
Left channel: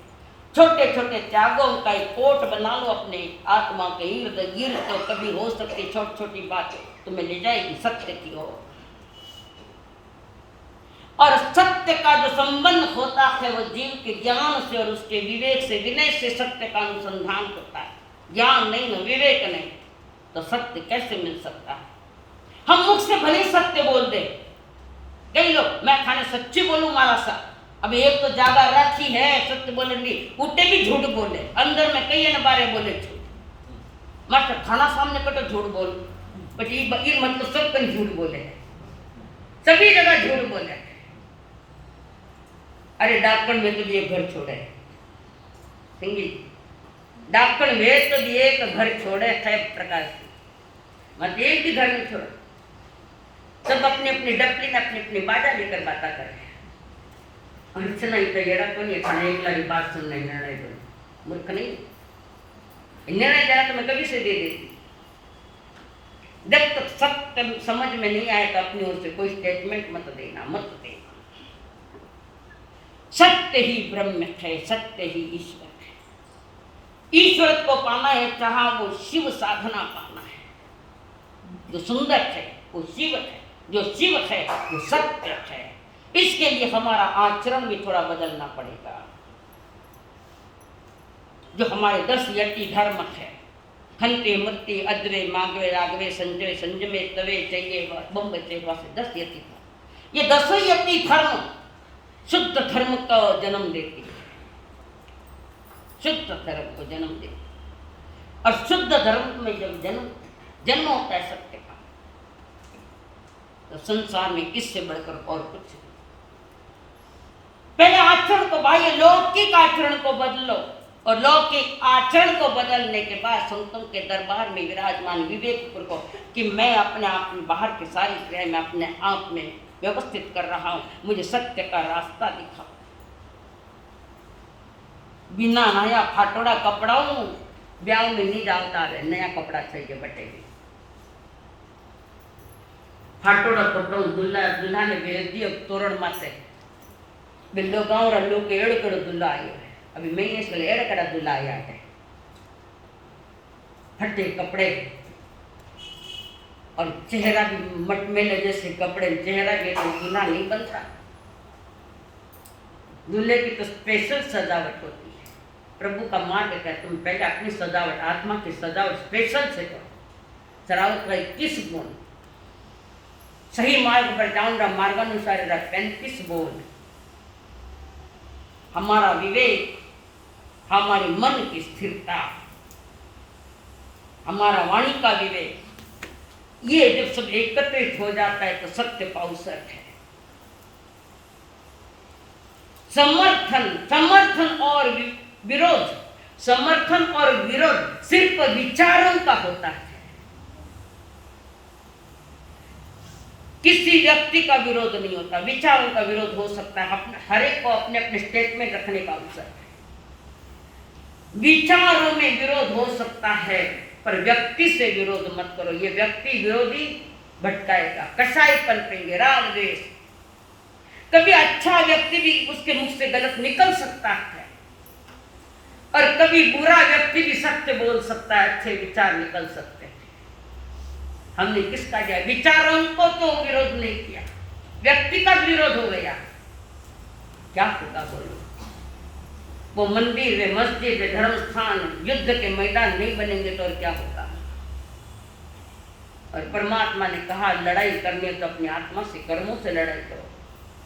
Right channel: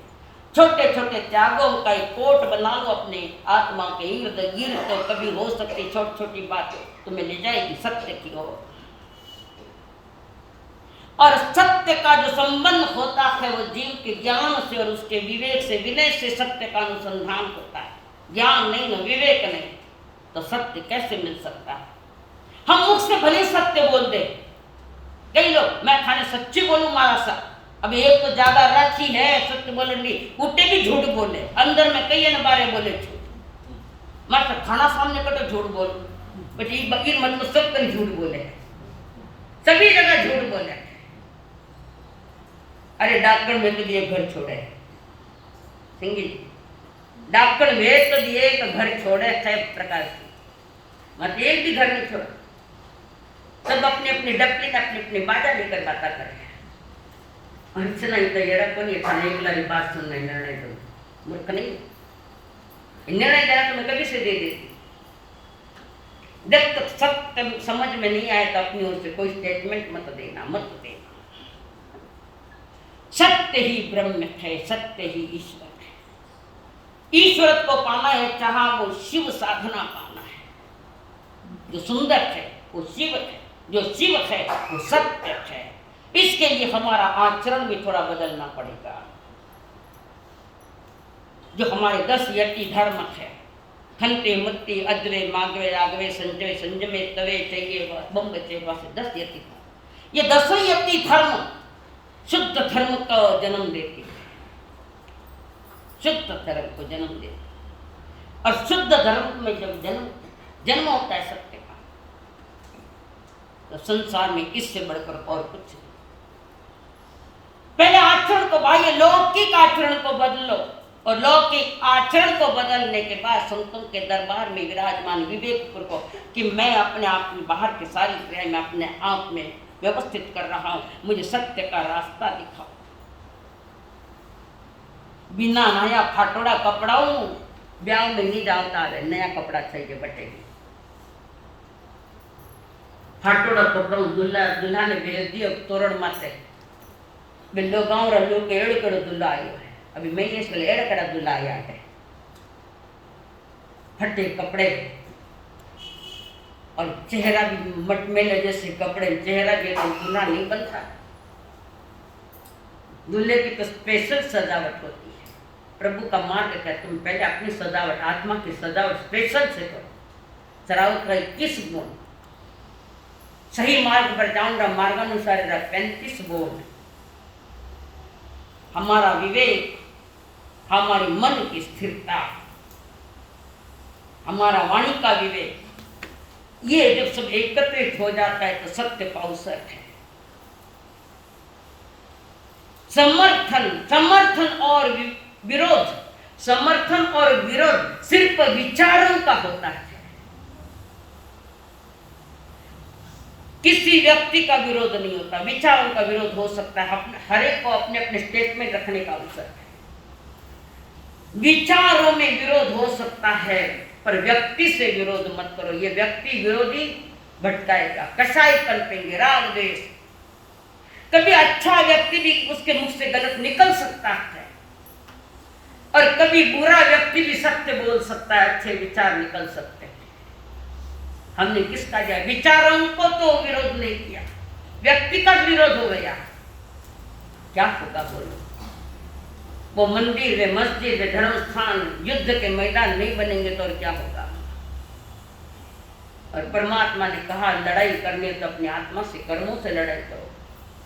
छोटे छोटे त्यागों का एक कोट बना लो अपने आत्मा के इर्द गिर्द, तो कभी हो सकती छोटी छोटी बात तुम्हें ले जाएगी सत्य की ओर। और सत्य का जो संबंध होता है वो जीव के ज्ञान से और उसके विवेक से, विनय से सत्य का अनुसंधान होता है। ज्ञान नहीं न विवेक नहीं तो सत्य कैसे मिल सकता है। हम मुख से भले सत्य बोल दे, कई लोग मैं खाने सच्ची बोलूं मारा सा, अब एक तो ज्यादा रखी है सत्य बोलेंगी, उठे भी झूठ बोले, अंदर में कई न बारे बोले झूठ। मत खाना सामने कटो झूठ बोल, बकीर मतलब सब कहीं झूठ बोले, सभी जगह झूठ बोले। अरे डॉक्टर में तो दिए घर छोड़े, सिंगिल डॉक्टर में तो दिए एक घर छोड़े है प्रकार से, मत एक भी घर नहीं छोड़ा। सब अपनी अपनी डपली अपनी अपनी बाजा लेकर बातें कर रहे हैं। अर्चना इतना जरा को नहीं था, एक लारी बात सुनना निर्णय दो, मूर्ख नहीं। निर्णय जरा तो मैं कभी से दे देती। जब तक सत्य समझ में नहीं आए तो अपनी ओर से कोई स्टेटमेंट मत देना, मत देना। सत्य ही ब्रह्म है, सत्य ही ईश्वर है। ईश्वर को पाना है, चाहा वो शिव साधना पाना है। जो सुंदर है वो शिव है, जो शिव है वो सत्य है। इसके लिए हमारा आचरण भी थोड़ा बदलना पड़ेगा। जो हमारे 10 यति धर्म है, खंते मत्ती अद्वे मागवे रागवे संजय संजमे तवे चाहिए बम्ब चेवा से 10 यति धर्म। ये 10 यति धर्म शुद्ध धर्म का जन्म देती है, शुद्ध धर्म को जन्म देती। और शुद्ध धर्म में जब जन्म होता है सत्य का, तो संसार में इससे बढ़कर और कुछ नहीं। पहले आचरण को, बाह्य लौकिक आचरण को बदलो, और लौकिक आचरण को बदलने के बाद संतों के दरबार में विराजमान विवेकपुर को कि मैं अपने आप में बाहर की सारी क्रियाएं मैं अपने आप में व्यवस्थित कर रहा हूं, मुझे सत्य का रास्ता दिखाओ। बिना नया फाटोड़ा कपड़ा हूं ब्याह में नहीं जाता रहे, नया कपड़ा चाहिए बटेगी। फाटोड़ा कपड़ा दुल्हा ने भेज दिया तोरण माते बिल्लो गाँव रल्लो के एड़ कड़ो दुल्हा आयो है। अभी मैं इस वाले एड़ कड़ा दुल्हा आया है, फटे कपड़े और चेहरा भी मटमेले जैसे कपड़े, चेहरा भी तो दूल्हा नहीं बनता। दूल्हे की तो स्पेशल सजावट होती है। प्रभु का मार्ग क्या, तुम पहले अपनी सजावट, आत्मा की सजावट स्पेशल से करो। सरावत का 21 गुण, सही मार्ग पर जाऊंगा मार्गानुसार 35 गुण। हमारा विवेक, हमारी मन की स्थिरता, हमारा वाणी का विवेक, ये जब सब एकत्रित हो जाता है तो सत्य का अवसर है। समर्थन और विरोध, समर्थन और विरोध सिर्फ विचारों का होता है। किसी व्यक्ति का विरोध नहीं होता, विचारों का विरोध हो सकता है। हर एक को अपने अपने स्टेटमेंट रखने का अवसर है। विचारों में विरोध हो सकता है पर व्यक्ति से विरोध मत करो। ये व्यक्ति विरोधी भटकाएगा, कसाई कल्पेंगे, राग द्वेष। कभी अच्छा व्यक्ति भी उसके मुख से गलत निकल सकता है, और कभी बुरा व्यक्ति भी सत्य बोल सकता है, अच्छे विचार निकल सकते हैं। हमने किसका दिया? विचारों को तो विरोध नहीं किया, व्यक्ति का विरोध हो गया, क्या होगा बोलो? वो मंदिर वे मस्जिद वे धर्म स्थान युद्ध के मैदान नहीं बनेंगे तो और क्या होगा? और परमात्मा ने कहा लड़ाई करनी तो अपनी आत्मा से, कर्मों से लड़ाई करो।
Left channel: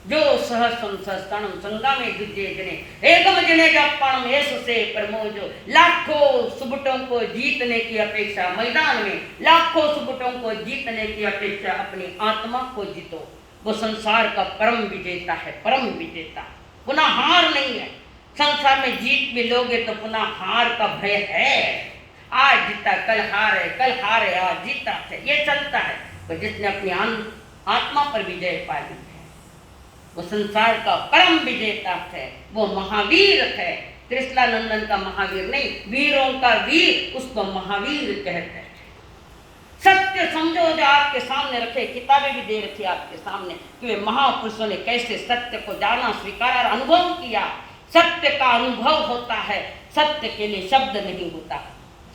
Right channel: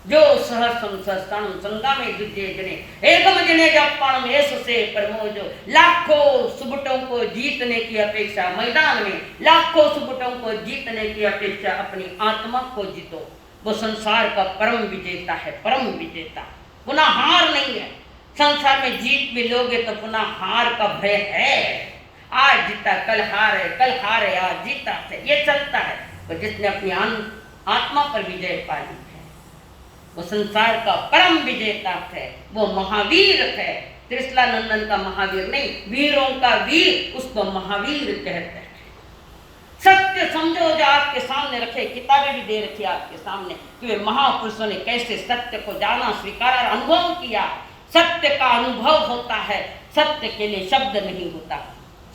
जो सहस्त्रम सहस्त्राणम संग्रामे द्वितीय जने एकम जने जपाणम ऐसे परमो। जो लाखों सुबटों को जीतने की अपेक्षा मैदान में, लाखों सुबटों को जीतने की अपेक्षा अपनी आत्मा को जीतो। वो संसार का परम विजेता है, परम विजेता, पुनः हार नहीं है। संसार में जीत भी लोगे तो पुनः हार का भय है। आज जीता कल हार है, कल हार है आज जीता है, ये चलता है। पर जिसने अपनी आत्मा पर विजय पा ली है वो संसार का परम विजेता है, वो महावीर है। त्रिशला नंदन का महावीर नहीं, वीरों का वीर, उसको महावीर कहते हैं। सत्य समझो जो आपके सामने रखे, किताबें भी दे रखी आपके सामने कि वे महापुरुषों ने कैसे सत्य को जाना, स्वीकारा और अनुभव किया। सत्य का अनुभव होता है, सत्य के लिए शब्द नहीं होता,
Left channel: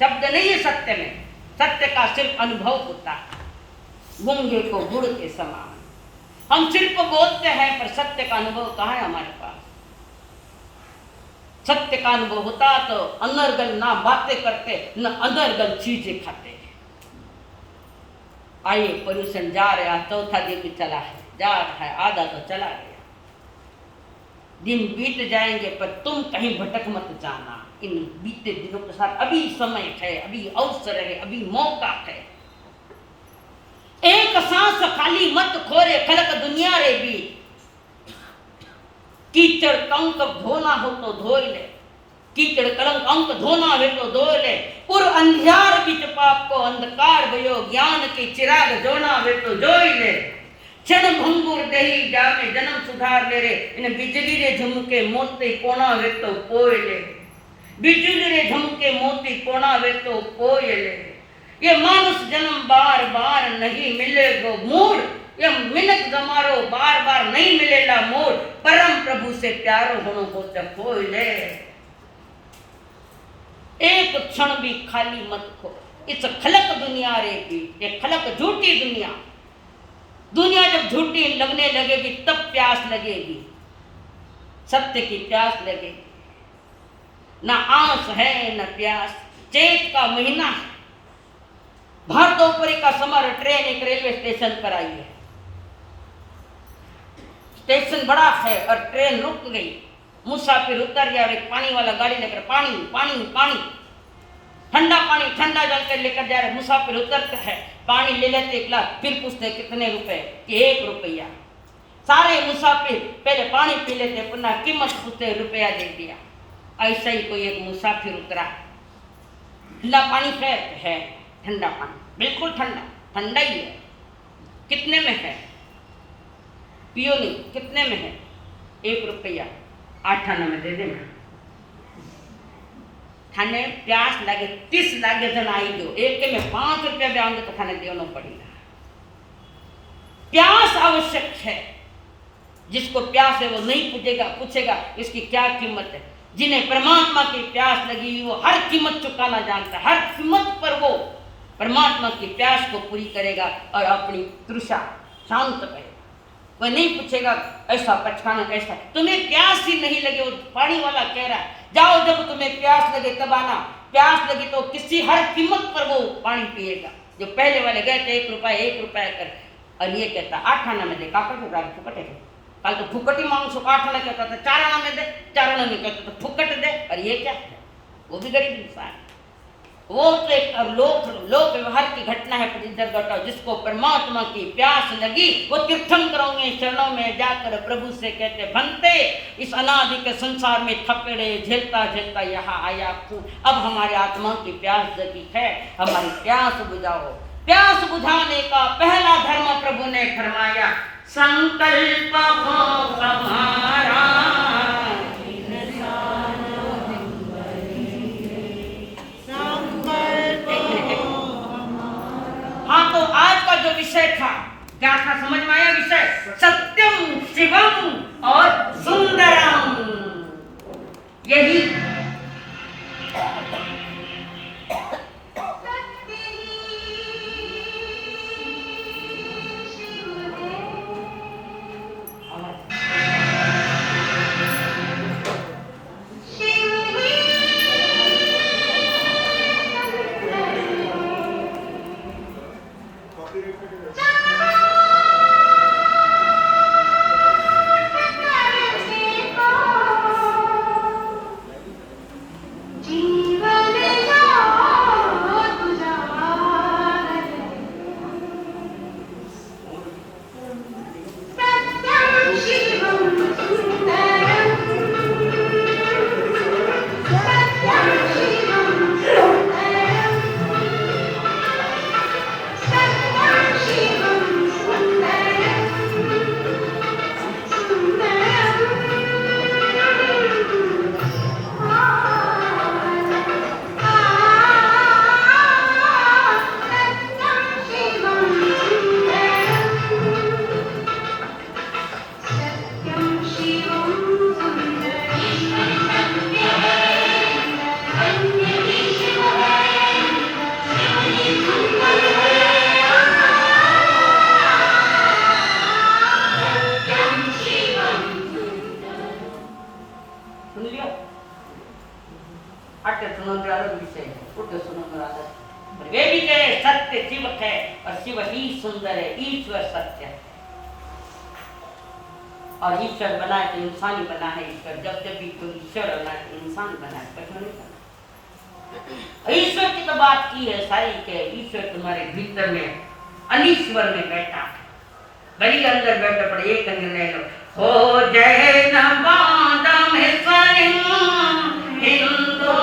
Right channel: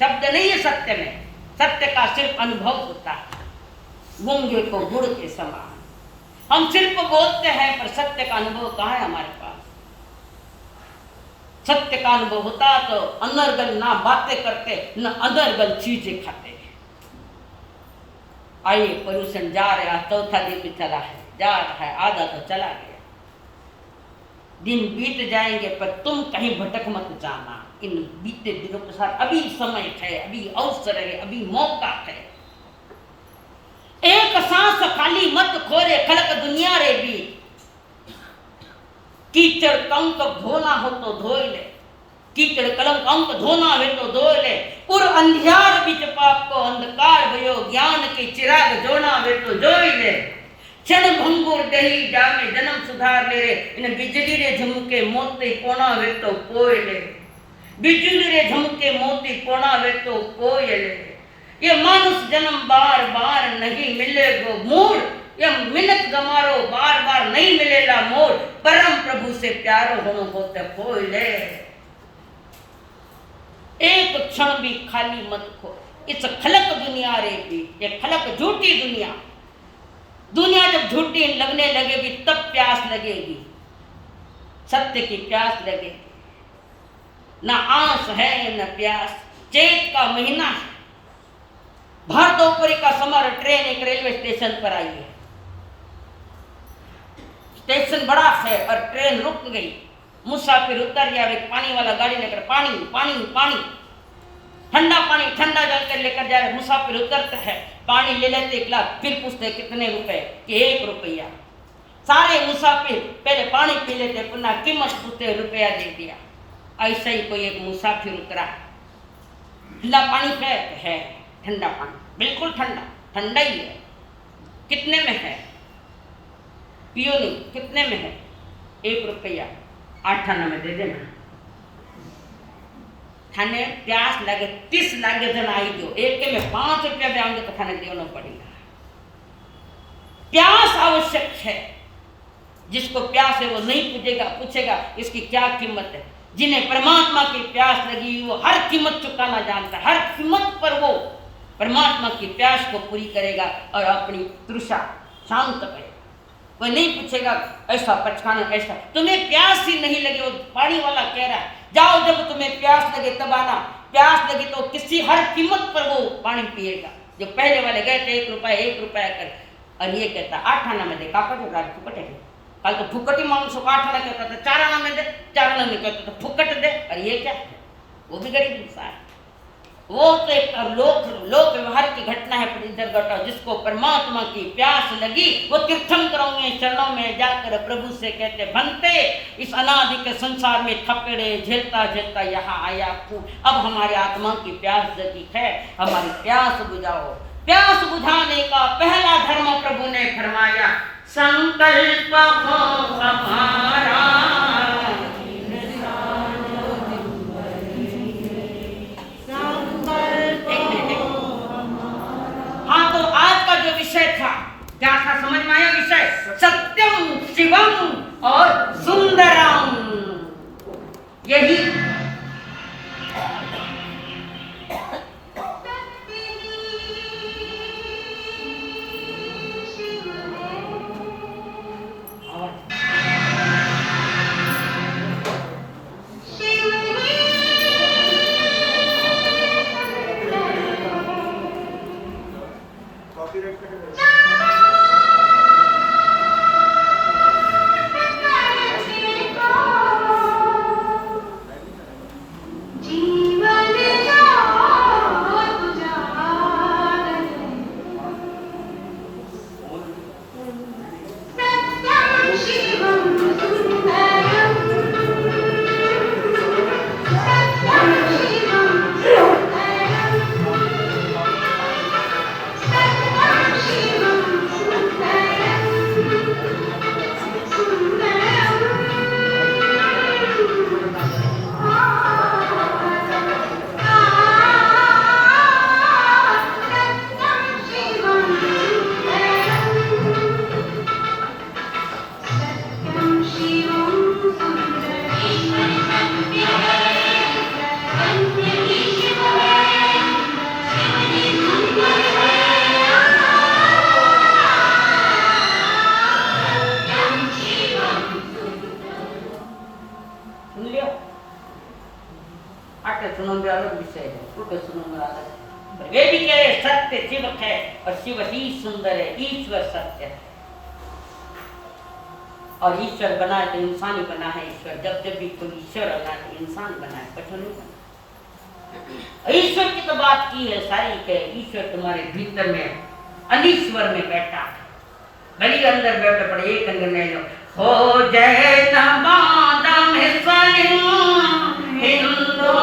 शब्द नहीं है सत्य में, सत्य का सिर्फ अनुभव होता है। गूंगे को गुड़ के समान हम सिर्फ बोलते हैं, पर सत्य का अनुभव कहाँ है हमारे पास? सत्य का अनुभव होता तो अनर्गल ना बातें करते, न अनर्गल चीजें खाते। आइए पोल्यूशन जा रहा है, चौथा दिन भी चला है, जा रहा है, आधा तो चला गया। दिन बीत जाएंगे पर तुम कहीं भटक मत जाना। इन बीते दिनों के साथ अभी समय है, अभी अवसर है, अभी मौका है। एक सांस खाली मत खोरे खलक दुनिया रे भी। कीचड़ कंक धोना हो तो धो ले, कीचड़ कलंक अंक धोना है तो धो ले। उर अंधियार बिच पाप को अंधकार भयो, ज्ञान के चिराग जोना है तो जोई ले। क्षण भंगुर दही जामे जन्म सुधार ले रे, इन बिजली रे झुमके मोती कोना वे तो पोय ले। बिजली रे झुमके मोती कोना वे तो पोय ले। ये मानुष जन्म बार बार नहीं मिलेगो मूड, ये मिनट गमारो बार बार नहीं मिलेला मोड़। परम प्रभु से प्यारो होनो होते खोय ले। एक क्षण भी खाली मत खो। इस खलक दुनिया रे भी, ये खलक झूठी दुनिया। दुनिया जब झूठी लगने लगेगी तब प्यास लगेगी, सत्य की प्यास लगेगी। ना आस है न प्यास, चैत का महीना है। भर दोपहर का समय ट्रेन एक रेलवे स्टेशन पर आई है। स्टेशन बड़ा है और ट्रेन रुक गई। मुसाफिर उतर गया, एक पानी वाला गाड़ी लेकर पानी पानी पानी, ठंडा पानी ठंडा जल कर लेकर जा रहे। मुसाफिर उतरते हैं, पानी ले लेते एक गिलास, फिर पूछते कितने रुपए कि 1 रुपया। सारे मुसाफिर पहले पानी पी लेते, पुनः कीमत पूछते, रुपया दे दिया। ऐसा ही कोई एक मुसाफिर उतरा, ठंडा पानी है, ठंडा पानी बिल्कुल ठंडा, ठंडा ही है। कितने में है? पियो नहीं, कितने में है? 1 रुपया। 8 आना में दे देना। थाने प्यास लगे 30 लागे जन आई दो, एक के में 5 रुपया भी आएंगे तो थाने देना पड़ेगा। प्यास आवश्यक है। जिसको प्यास है वो नहीं पूछेगा इसकी क्या कीमत है। जिन्हें परमात्मा की प्यास लगी वो हर कीमत चुकाना जानता है, हर कीमत पर वो परमात्मा की प्यास को पूरी करेगा और अपनी तृषा शांत करेगा। वह नहीं पूछेगा ऐसा पचखाना ऐसा। तुम्हें प्यास ही नहीं लगे, वो पानी वाला कह रहा है जाओ जब तुम्हें प्यास लगे तब आना। प्यास लगी तो किसी हर कीमत पर वो पानी पिएगा। जो पहले वाले गए थे 1 रुपया कर, और ये कहता 8 आना में दे, काका फुकट है। कल तो फुकट ही मांग सो, 8 आना कहता था 4 आना में दे, 4 आना में कहता तो फुकट दे। और ये क्या है? वो भी गरीब इंसान। वो तो एक लोक व्यवहार की घटना है। पर इधर घटाओ, जिसको परमात्मा की प्यास लगी वो तीर्थंकरों में चरणों में जाकर प्रभु से कहते भंते इस अनादि के संसार में थपेड़े झेलता झेलता यहाँ आया हूँ। अब हमारी आत्मा की प्यास जगी है, हमारी प्यास बुझाओ। प्यास बुझाने का पहला धर्म प्रभु ने फरमाया, संकल्प हो हमारा। हाँ, तो आज का जो विषय था क्या था? समझ में आया विषय? सत्यम शिवम और सुंदरम। यही वे भी कह रहे सत्य शिव है और शिव ही सुंदर है, ईश्वर सत्य है। और ईश्वर बनाए तो इंसान ही बना है। ईश्वर जब जब भी कोई ईश्वर बना है तो इंसान बना है, कुछ नहीं बना। ईश्वर की तो बात की है सारी के ईश्वर तुम्हारे भीतर में अनीश्वर में बैठा है, गली के अंदर बैठा पड़े एक अंदर नहीं लो हो जय नमादम हिंदू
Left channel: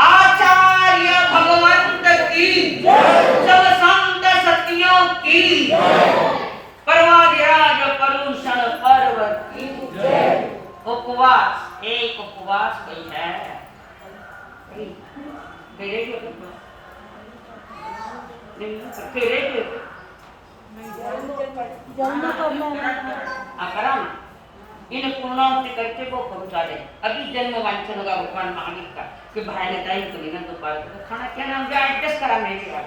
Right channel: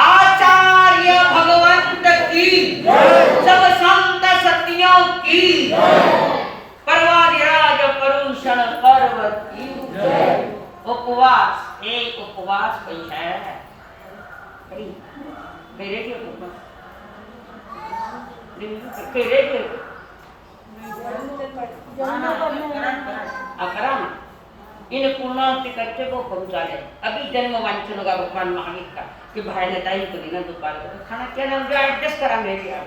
आचार्य भगवंत की सब संत सतियों की परवादिराज परुषण पर्वत की उपवास एक उपवास कोई है अकरम इन पूर्णांति करके वो पहुंचा दे। अभी जन्म वांछन होगा भगवान महावीर का कि भाई ने टाइम तो नहीं ना दोपहर को खाना क्या ना एडजस्ट करा मैं भी आ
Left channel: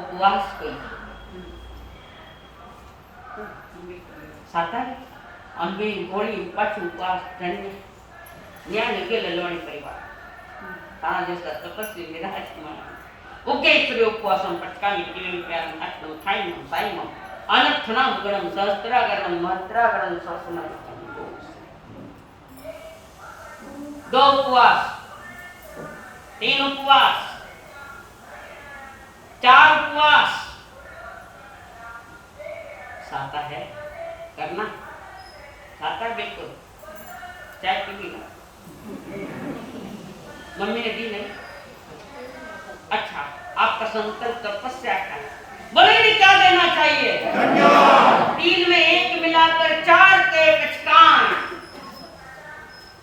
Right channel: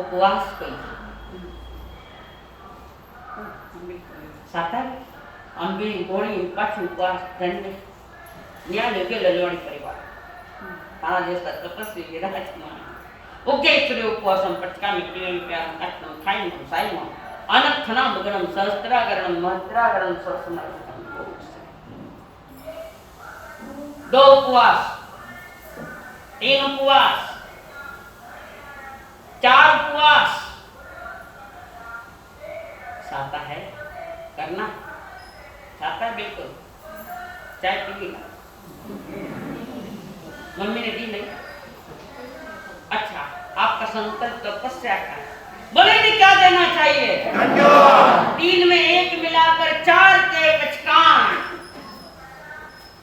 उपवास कोई साता अंबी गोली पाछू उपवास दंड न्याय के ललवाणी परिवार तारा जैसा तपस्वी विराजमान उगेश्वरी उपवासम पटकामी टीम प्यारम अष्टम खाइम साइम अनर्थनाम गणम सहस्त्रागरणम महत्रागरणम सौसमयम। दो उपवास, तीन उपवास, चार उपवास साता है करना, साता है बिल्कुल। चाय पी ना मम्मी ने दी नहीं? अच्छा, आपका संकल्प तपस्या का बोले नहीं क्या देना चाहिए? तीन में एक मिलाकर चार के पचकान,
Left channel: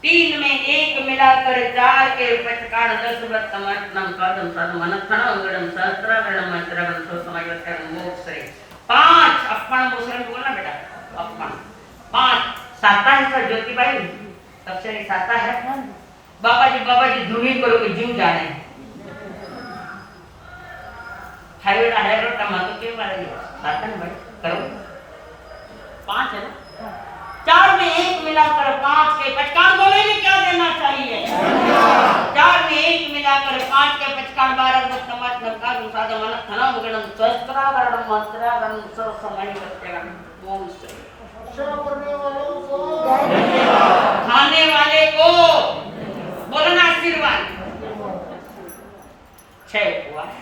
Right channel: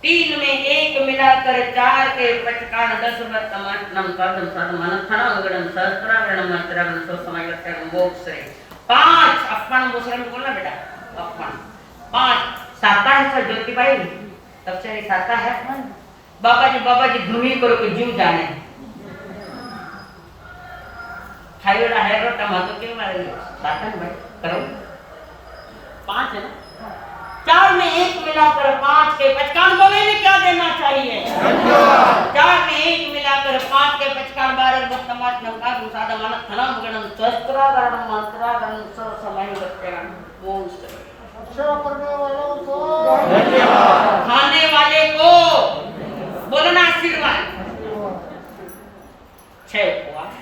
तीन में एक मिलाकर चार के पचकान 10 बत्तमटनम कर्दम सर्वम अनर्थनम गणम सहस्त्रागणम मंत्रगणम सोसमयत्यगणम मोक्षरे। 5 अपण मुसरम बोलना बेटा, अपण 5 साता है सर ज्योतिबाई तब से साता है। बाबा जी धूमी करो के जीव जाने खाई वाला है रोटा मातो क्यों मारेंगे साता है भाई करो 5 है ना में एक मिलाकर 5 के 55 बोले ने क्या देना चाहिए? 4 में एक मिलाकर 5 के 55 12 समाज नंकार सादा मन थना मुगणम शस्त्रागरणम मंत्रागरणम सो समय बच्चेगण वो खाने वाले को बोलो ना आशीर्वाद। 6 उपवास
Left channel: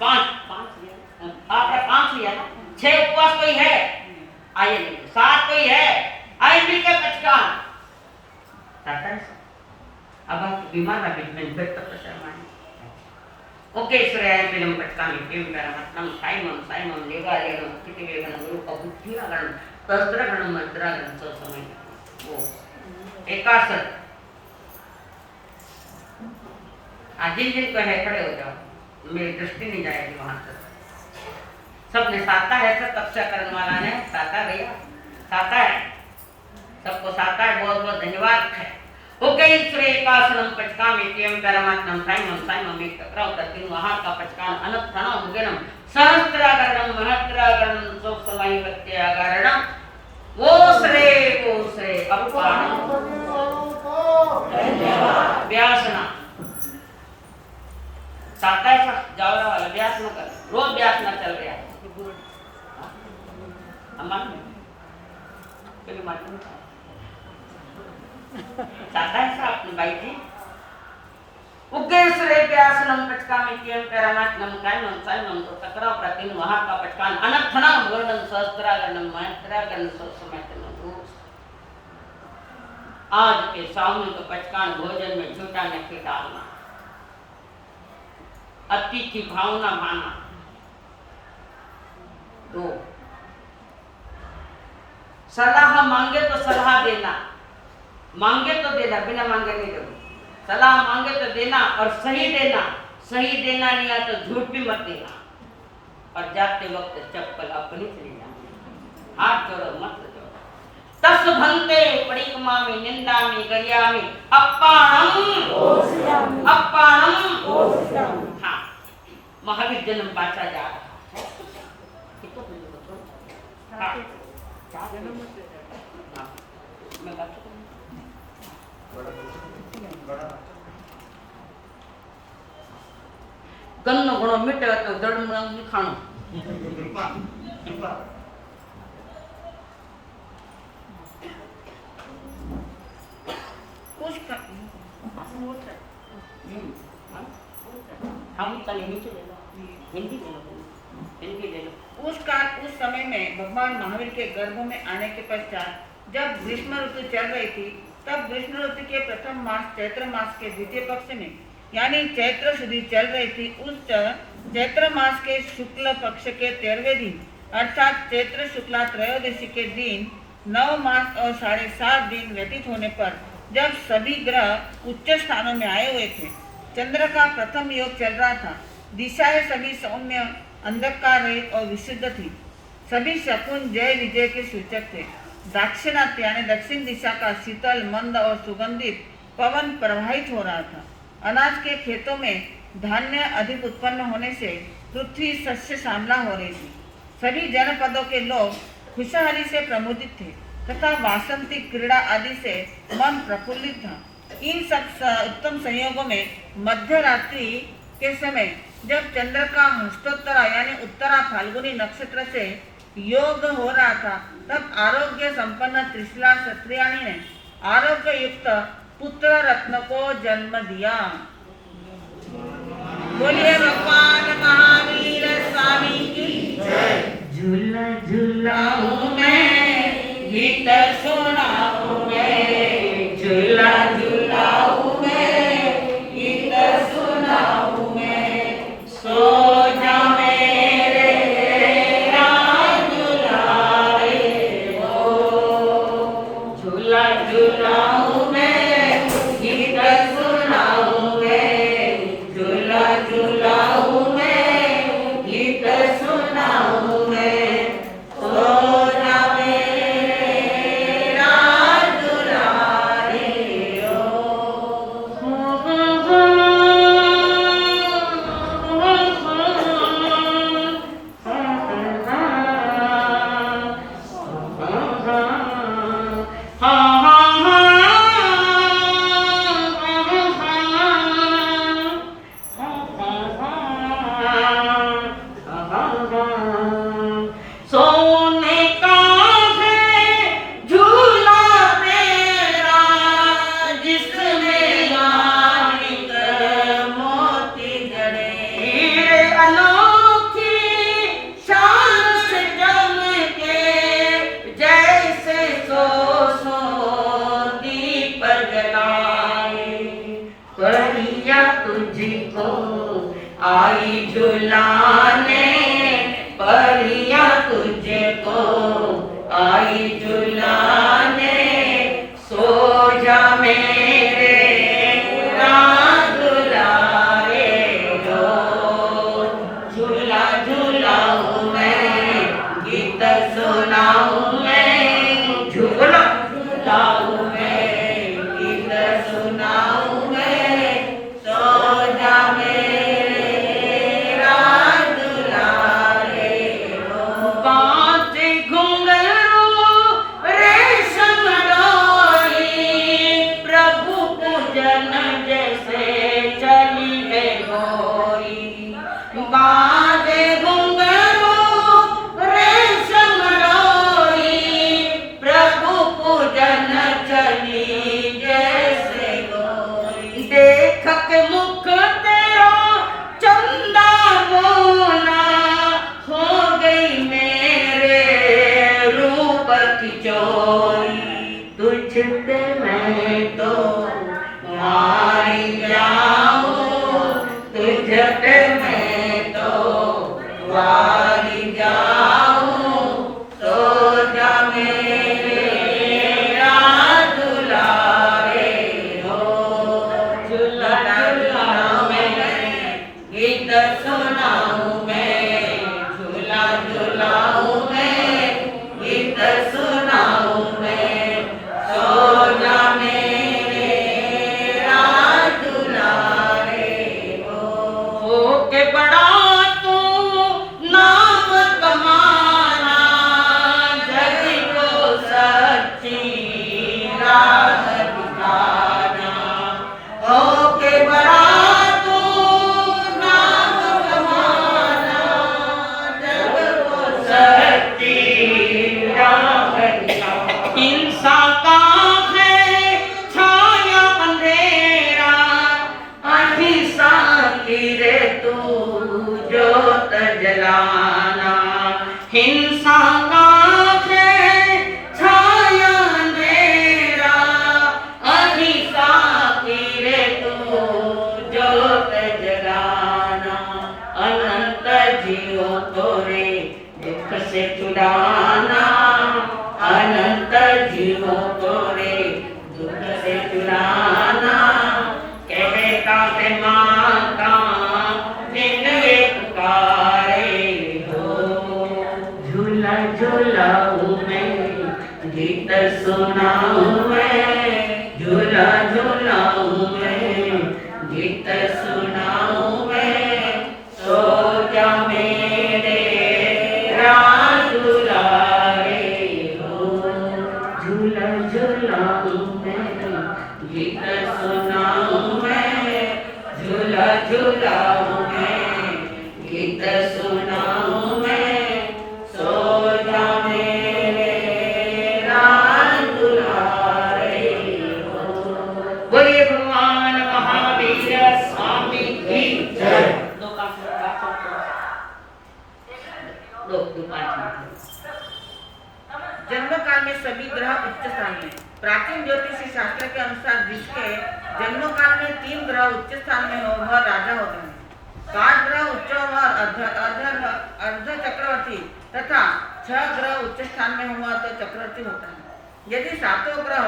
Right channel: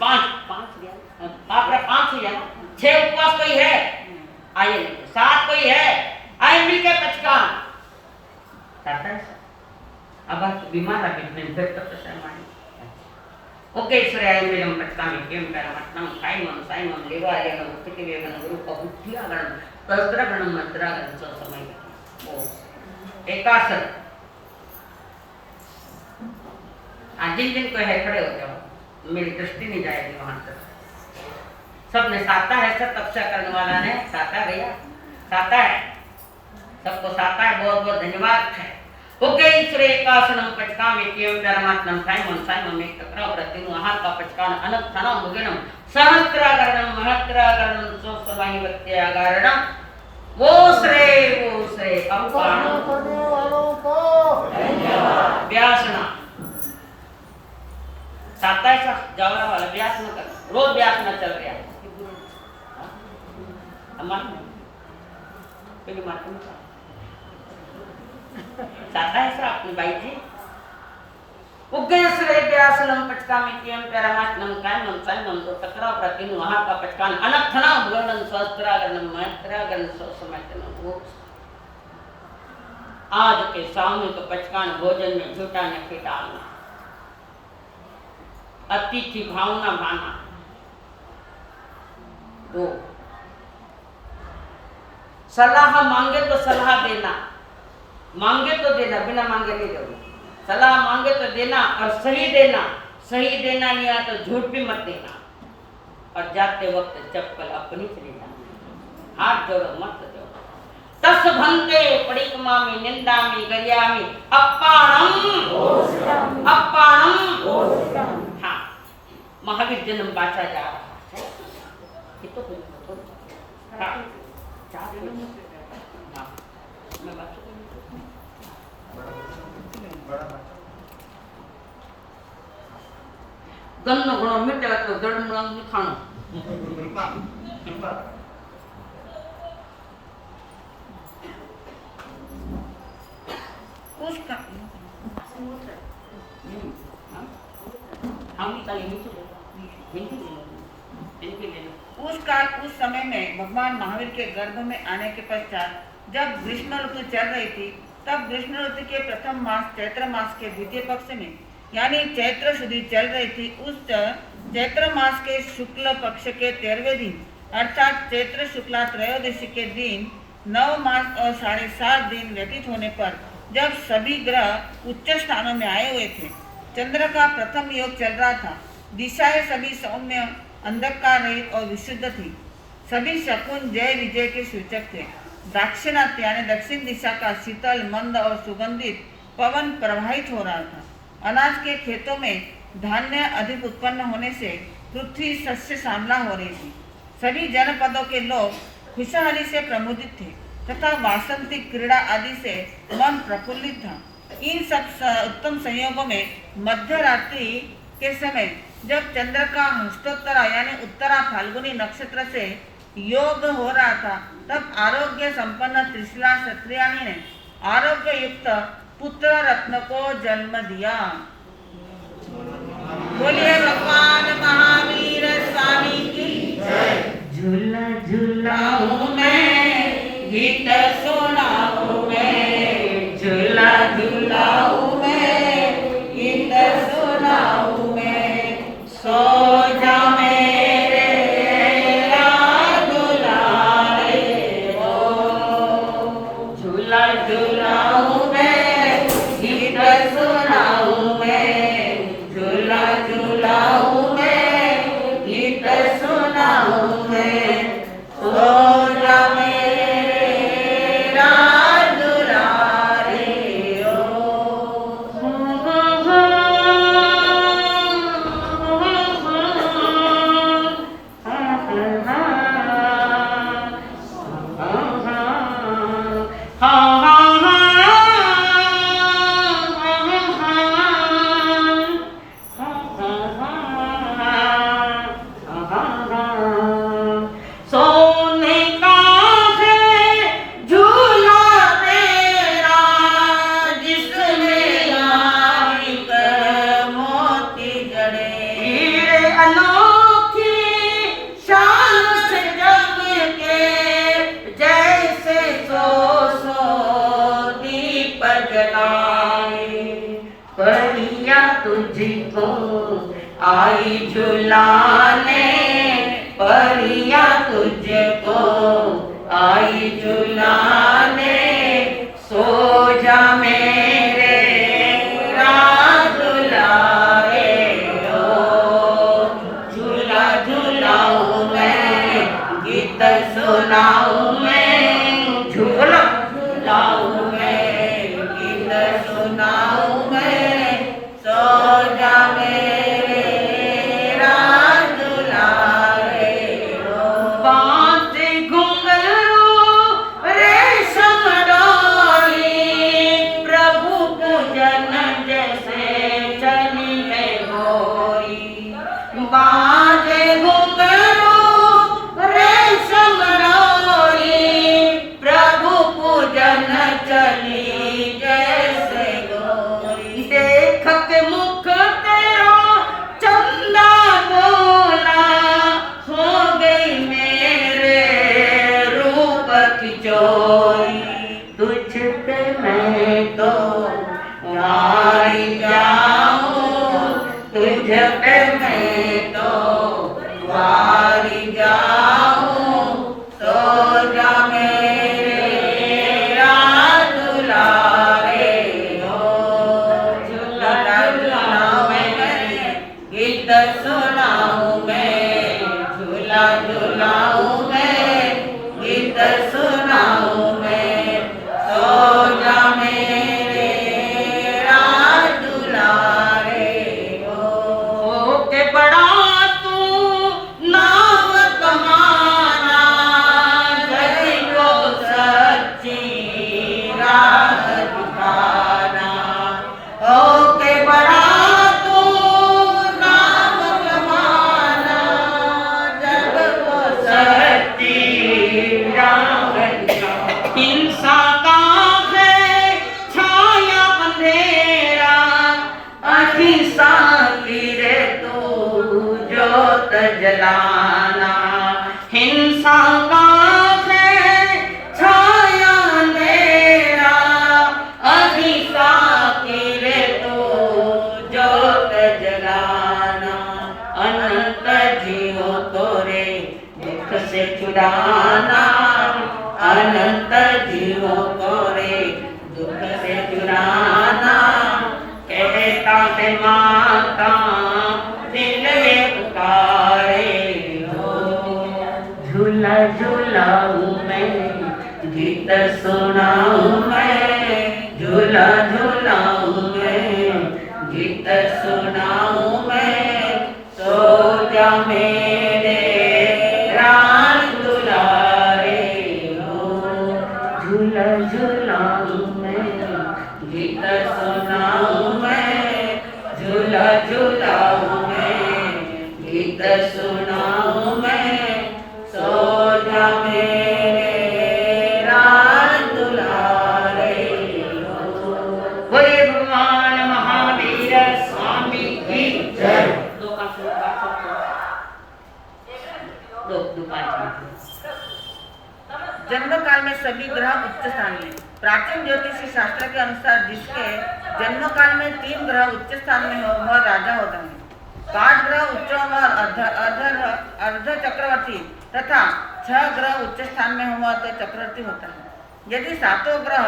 5 गया आपका 5 हुआ ना। 6 उपवास कोई है आइए नहीं 7 कोई है आइए मिलके 55 अब आप बीमार है बीच में तो शर्माए ओके ईश्वराय मेरम पटकामी प्रेम परमात्मा साइमम लेवालेनो तितिवेगन गुरु पहुत्यागण तस्त्रगण मंत्रागण सो समय वो एकासन आज जिन को है खड़े हो जाओ मेरी दृष्टि नहीं जाएगी वहां तक। सबने साता है सब तपस्या करने वाला ने साता गया साता है सबको साता है बहुत बहुत धन्यवाद है। ओके ईश्वरे एकासनम पचकाम एवं परमात्मन साइमम एक टकराव प्रत्यु वहां का पचकान अनक थना मुगेनम सहस्त्रागरणम महत्रागरणम सो समाहि प्रत्यागरणम वो श्रे अपान व्यासना साता ऐसा जावरा वाला व्यास न कर रोज व्यास न चल रहा अम्मा पहले मार्केट में साता ऐसा अपने भाई जी उग्गेश्वरे व्यासनम पचकामी कियम परमात्मम कायमम साइमम तो टकराव प्रतिन वहां का पचकान अनर्थना वर्णन सहस्त्रागरणम महत्रागरण सो समयतन वो आज के सामूहिक पचकान भोजन में झूठा नहीं डालना अतिथि भावना भाना 2 सलाह मांगे तो सलाह देना मांगे तो देना बिना मांगे नहीं दोगे सलाह मांगे तो देना और सही देना नहीं आया तो झूठ भी मत देना और जाते वक्त चप्पल अपनी से ले जाना हाथ जोड़ो मत जोड़ो तस भंते परिक्रमा में निंदा में गरिया में अप्पाणम हाँ महावीर जन्म बाचा जा रहा है ये तो हाँ मैं बात गन्नो घणो मिटे तो दड़ में खाणो उसका उस समय में भगवान महावीर के गर्भ में आने के पश्चात जब ग्रीष्म ऋतु चल रही थी तब ग्रीष्म ऋतु के प्रथम मास चैत्र मास के द्वितीय पक्ष में यानी चैत्र शुद्धि चल रही थी। उस चैत्र मास के शुक्ल पक्ष के 13वें दिन अर्थात चैत्र शुक्ला त्रयोदशी के दिन 9 मास और 7.5 दिन व्यतीत होने पर जब सभी ग्रह उच्च स्थानों में आए हुए थे चंद्र का प्रथम योग चल रहा था। दिशाएं सभी सौम्य अंधकार रहित और विशुद्ध थी। सभी शकुन जय विजय के सूचक थे। दाक्षिणात्य यानी दक्षिण दिशा का शीतल मंद और सुगंधित पवन प्रवाहित हो रहा था। अनाज के खेतों में धान्य अधिक उत्पन्न होने से पृथ्वी सस्य श्यामला हो रही थी। सभी जनपदों के लोग खुशहाली से प्रमुदित थे तथा वासंती क्रीड़ा आदि से मन प्रफुल्लित था। इन सब उत्तम संयोगों में मध्य रात्रि के समय जब चंद्र का हस्तोत्तरा यानी उत्तरा फाल्गुनी नक्षत्र से योग हो रहा था तब आरोग्य संपन्न त्रिशिला क्षत्रियाणी ने आरोग्य युक्त पुत्र रत्न को जन्म दिया। बोलिए भगवान महावीर स्वामी की झूला झूलाऊं मैं गीत सुनाऊं मैं झूला झूलाऊं मैं गीत सुनाऊं मैं सो जा मेरे दुलारे वो झूला झूलाऊं मैं गीत सुनाऊं मैं झूला झूलाऊं मैं गीत सुनाऊं मैं सो जा मेरे जलाए। परिया तुझको आई झुलाने, परिया तुझको आई झुलाने, सो जा मेरे राज दुलारे हो। झूला झूलाऊं मैं, गीत सुनाऊं मैं, झूला झूलाऊं मैं, गीत सुनाऊं मैं, सो जा मेरे राज दुलारे हो। बाजे घुंघरू रेशम डोरी, प्रभु पूजन जैसे चली है गोरी। बाजे घुंघरू रेशम डोरी, प्रभु पूजन चली जैसे गोरी। देख के मुख तेरा चंदा बोला, हो गई मेरे रूप की चोरी। तुझ पे मैं तो मारी जाऊं, तुझ पे मैं तो मारी जाऊं, सो जा मेरे राज दुलारे हो। झूला झूलाऊं मैं, गीत सुनाऊं मैं, झूला झूलाऊं मैं, गीत सुनाऊं मैं, सो जा मेरे राज दुलारे हो। के बड़ा तू नाम कमाना, जग को सच्ची राह दिखाना। हो के बड़ा तू नाम कमाना, जग को सच्ची राह दिखाना। हिंसा का है छाया अंधेरा, अहिंसा की रे तू ज्योत जलाना। हिंसा का है छाया अंधेरा, अहिंसा की रे तू ज्योत जलाना। अनंत जीवों को रे दुख से छुड़ाना, अनंत जीवों को रे दुख से छुड़ाना। कहता है माता दिल ये पुकारे हो। झूला झूलाऊं मैं, गीत सुनाऊं मैं, झूला झूलाऊं मैं, गीत सुनाऊं मैं, सो जा मेरे राज दुलारे हो। झूला झूलाऊं मैं, गीत सुनाऊं मैं, झूला झूलाऊं मैं, गीत सुनाऊं मैं, सो जा मेरे राज दुलारे हो। बोले भगवान महावीर स्वामी की जय। दो 5 मिनट बात करते हैं। दो 5 मिनट। जन्म काल में सभी ग्रह उच्च स्थान में। प्राचीन ज्योतिषी शास्त्र के अनुसार जिसके जन्म काल में 3 ग्रह उच्च स्थान में हो वह राजा होता है। 5 ग्रह उच्च व अर्ध चक्रवर्ती तथा 6 ग्रह उच्च स्थान में हुआ तो चक्रवर्ती होता है। यदि 7 ग्रह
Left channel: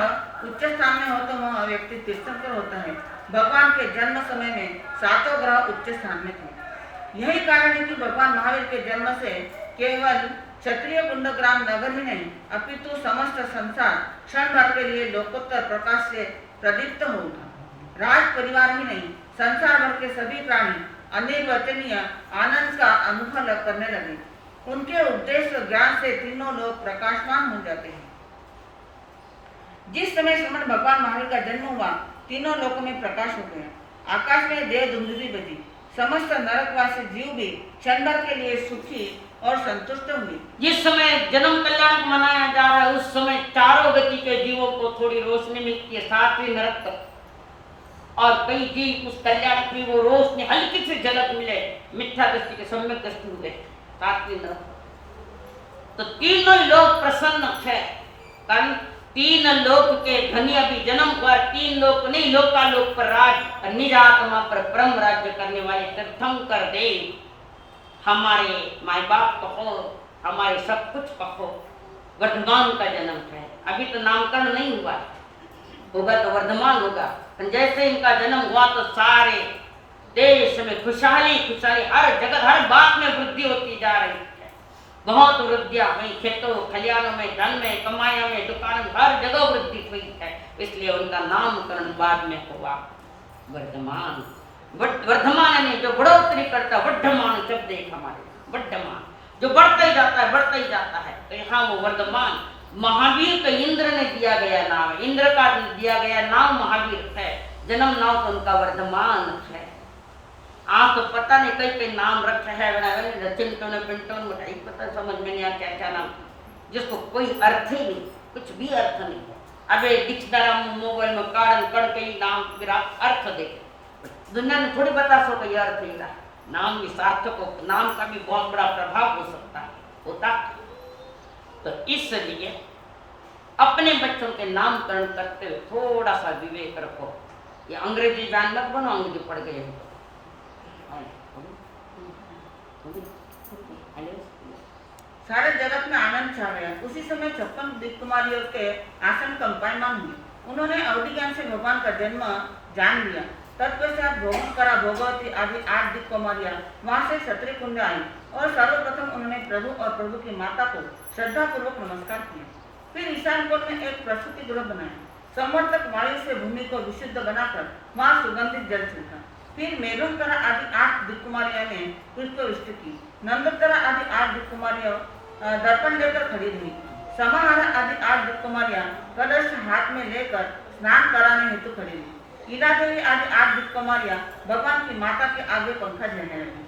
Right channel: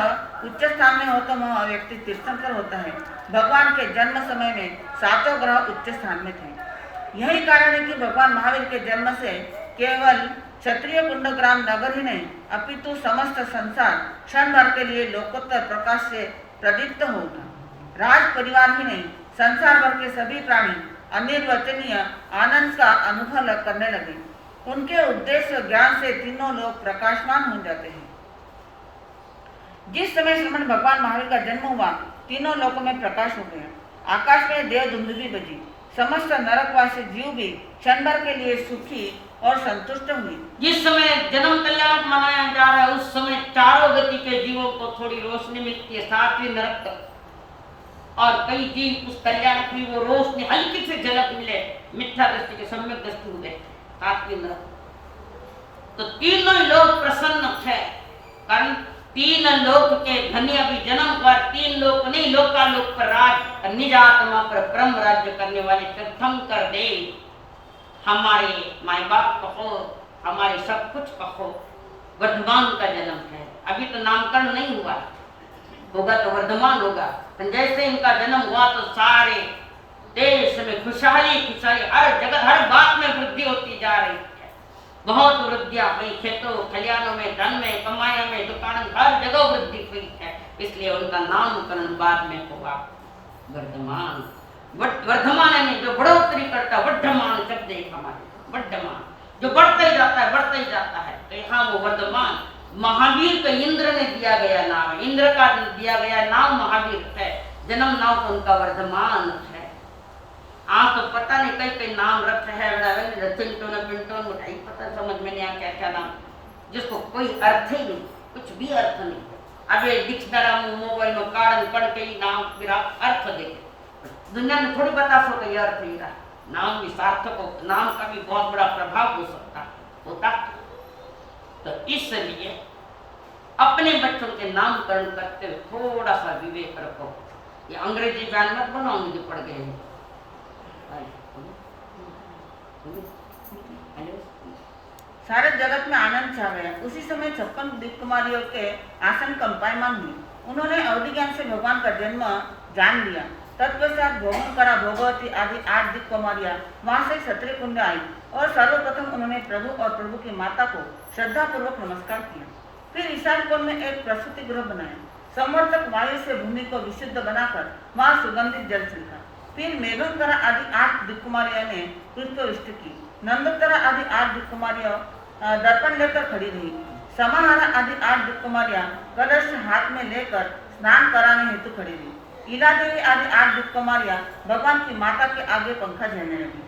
उच्च स्थान में हो तो वह व्यक्ति तीर्थंकर होता है। भगवान के जन्म समय में 7 ग्रह उच्च स्थान में थे। यही कारण है कि भगवान महावीर के जन्म से केवल क्षत्रिय कुंडग्राम नगर ही नहीं अपितु समस्त संसार क्षण भर के लिए लोकोत्तर प्रकाश से प्रदीप्त हो उठा। राज परिवार ही नहीं संसार भर के सभी प्राणी अनिर्वचनीय आनंद का अनुभव करने लगे। उनके उद्देश्य ज्ञान से तीनों लोग प्रकाशमान हो जाते हैं। जिस समय श्रमण भगवान महावीर का जन्म हुआ तीनों लोकों में प्रकाश हो गया। आकाश में देव दुंदुभी बजी। समस्त नरकवासी जीव भी क्षण भर के लिए सुखी और संतुष्ट हुई। जिस समय जन्म कल्याण मनाया जा रहा है उस समय चारों गति के जीवों को थोड़ी रोशनी मिलती है, सातवीं नरक तक। और कई जीव उस कल्याण की वो रोशनी हल्की से झलक मिले, मिथ्या दृष्टि के सम्यक दृष्टि हुए सातवीं नरक। तो तीनों लोग प्रसन्न थे, कारण तीन लोक के धनी अभी जन्म हुआ, तीन लोक नहीं, लोकालोक पर राज और निज आत्मा पर परम राज्य करने वाले तीर्थंकर देव हमारे माई बाप कहो, हमारे सब कुछ कहो, वर्धमान का जन्म है। अभी तो नामकरण नहीं हुआ, होगा तो वर्धमान होगा। जैसे इनका जन्म हुआ तो सारे देश में खुशहाली खुशहाली, हर जगह हर बात में वृद्धि होती जा रही है। बहुत वृद्धियां हुई, खेतों खलियानों में, धन में, कमाइयों में, दुकान, हर जगह वृद्धि हुई है। इसलिए उनका नामकरण बाद में हुआ वर्धमान। वर्धमान यानी जो बढ़ोतरी करता, वर्धमान शब्द है हमारे, वर्धमान जो बढ़ता ही जाता है, बढ़ता ही जाता है। तो यहाँ वो वर्धमान, महावीर तो इंद्र ने दिया गया नाम है, इंद्र का दिया गया नाम महावीर है, जन्म नाम तो उनका वर्धमान है। आज तो पता नहीं कई कई नाम रखे है, चिंटो ने पिंटो मिठाई, पता समझ में नहीं आ क्या क्या नाम, जिसको कोई अर्थ ही नहीं, कुछ भी अर्थ नहीं। अबे डिक्शनरी मोबाइल में कारण कड़ के ही नाम मेरा अर्थ देखे, दुनिया में थोड़ी बता सको ये अर्थ ही रहा। नाम भी सार्थक हो, नाम का भी बहुत बड़ा प्रभाव हो सकता है, होता। तो इसलिए अपने बच्चों के नामकरण करते हुए थोड़ा सा विवेक रखो। ये अंग्रेजी बयान मत बनो, अंग्रेजी पढ़ गए तो सारे जगत में आनंद छा गया। उसी समय 56 दिक्कुमारियों के आसन कंपायमान हुए। उन्होंने अवधि ज्ञान से भगवान का जन्म जान लिया। तत्पश्चात भोगंकरा, भोगवती आदि 8 दिक्कुमारियां वहां से क्षत्रिय कुंड आई और सर्वप्रथम उन्होंने प्रभु और प्रभु की माता को श्रद्धा पूर्वक नमस्कार किया। फिर ईशान कोण में एक प्रसूति गृह बनाया। संवर्तक वायु से भूमि को विशुद्ध बनाकर वहां सुगंधित जल छिड़का। फिर मेघंकरा आदि 8 दिक्कुमारियां ने पुष्प वृष्टि की। नंदकरा आदि 8 दिक्कुमारियां दर्पण लेकर खड़ी रही। समाहारा आदि 8 दिक्कुमारियां कलश हाथ में लेकर स्नान कराने हेतु खड़ी रही। ईला देवी आदि 8 दिक्कुमारियां भगवान की माता के आगे पंखा झेलने लगी।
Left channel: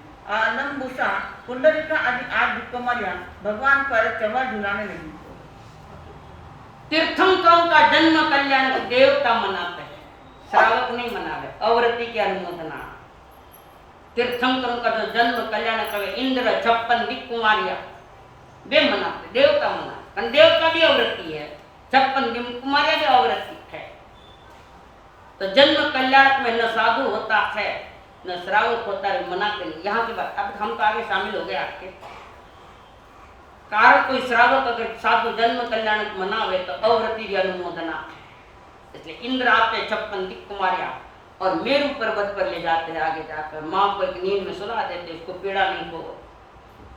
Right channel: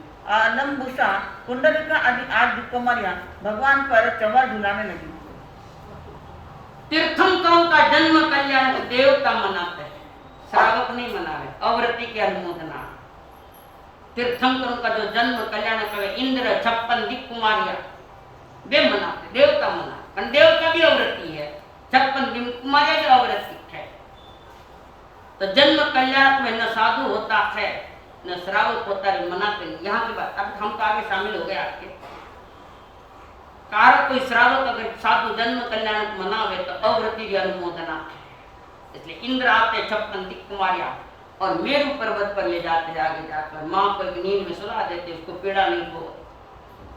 लंबुषा, पुंडरिका आदि 8 दिक्कुमारियां भगवान पर चंवर झुलाने लगी। तीर्थंकरों का जन्म कल्याण को देवता मनाते हैं, श्रावक नहीं मना रहे, अवरति की अनुमोदना। तीर्थंकरों का जो जन्म कल्याण करे, इंद्र 56 दिक्कुमारियां वे मनाते, देवता मनाते। देवता भी अवरति है, 56 दिक्कुमारियां भी अवरति है। तो जन्म कल्याण में न साधु होता है न श्रावक होता है, मनाते नहीं। यहाँ की बात, अब हम तो आगे शामिल हो गए आपके कारण। कोई श्रावक अगर साधु जन्म कल्याण मनावे तो अवरति भी अनुमोदना है। इसलिए इंद्र आते 56 दिक्कुमारियां और मेरू पर्वत पर ले जाते हैं, आगे जाकर माँ को एक नींद में सुला देते, इसको पीड़ा नहीं हो।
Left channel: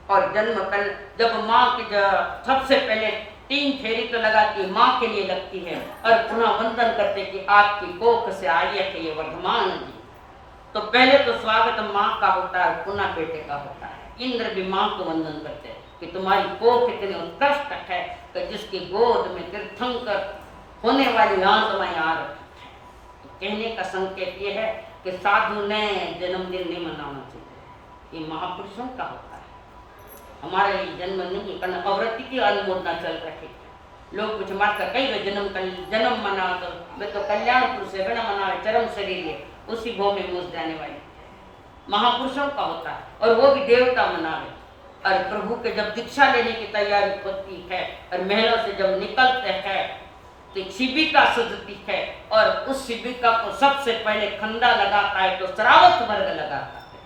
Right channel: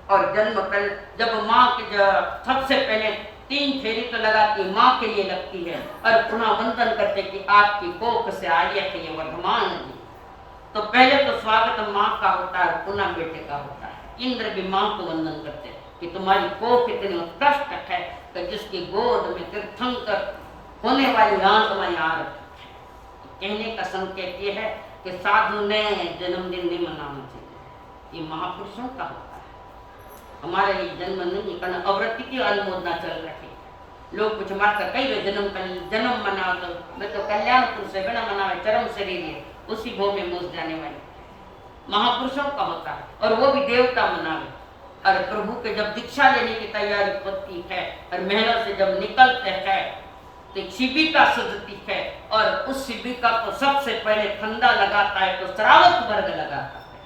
और जन्म कल जब माँ के सबसे पहले 3 फेरी तो लगाती है, माँ के लिए लगती है और पुनः वंदन करते कि आपकी कोख से आई है ये वर्धमान जी। तो पहले तो स्वागत माँ का होता है, पुनः बेटे का होता है। इंद्र भी माँ को वंदन करते हैं कि तुम्हारी कोख इतनी उत्कृष्ट है कि जिसकी गोद में तीर्थंकर होने वाली आत्मा यहाँ रखी है। तो कहने का संकेत ये है कि साधु ने जन्मदिन नहीं मनाना चाहिए, ये महापुरुषों का होता है, हमारे लिए जन्म नहीं करना। अवृत्ति की अनुमोदना चल रही है, लोग कुछ मार कर कई जन्म मना तो मैं तो कल्याण पुरुष है, बिना मनावे चरम शरीर है, उसी भो में मोस जाने वाली महापुरुषों का होता है। और वो भी देवता मनावे। और प्रभु के जब दीक्षा लेने की तैयारी होती है और महलों से जब निकलते हैं तो एक शिविका सजती है और उस शिविका को सबसे पहले खंदा लगाता है तो श्रावक वर्ग लगाता है,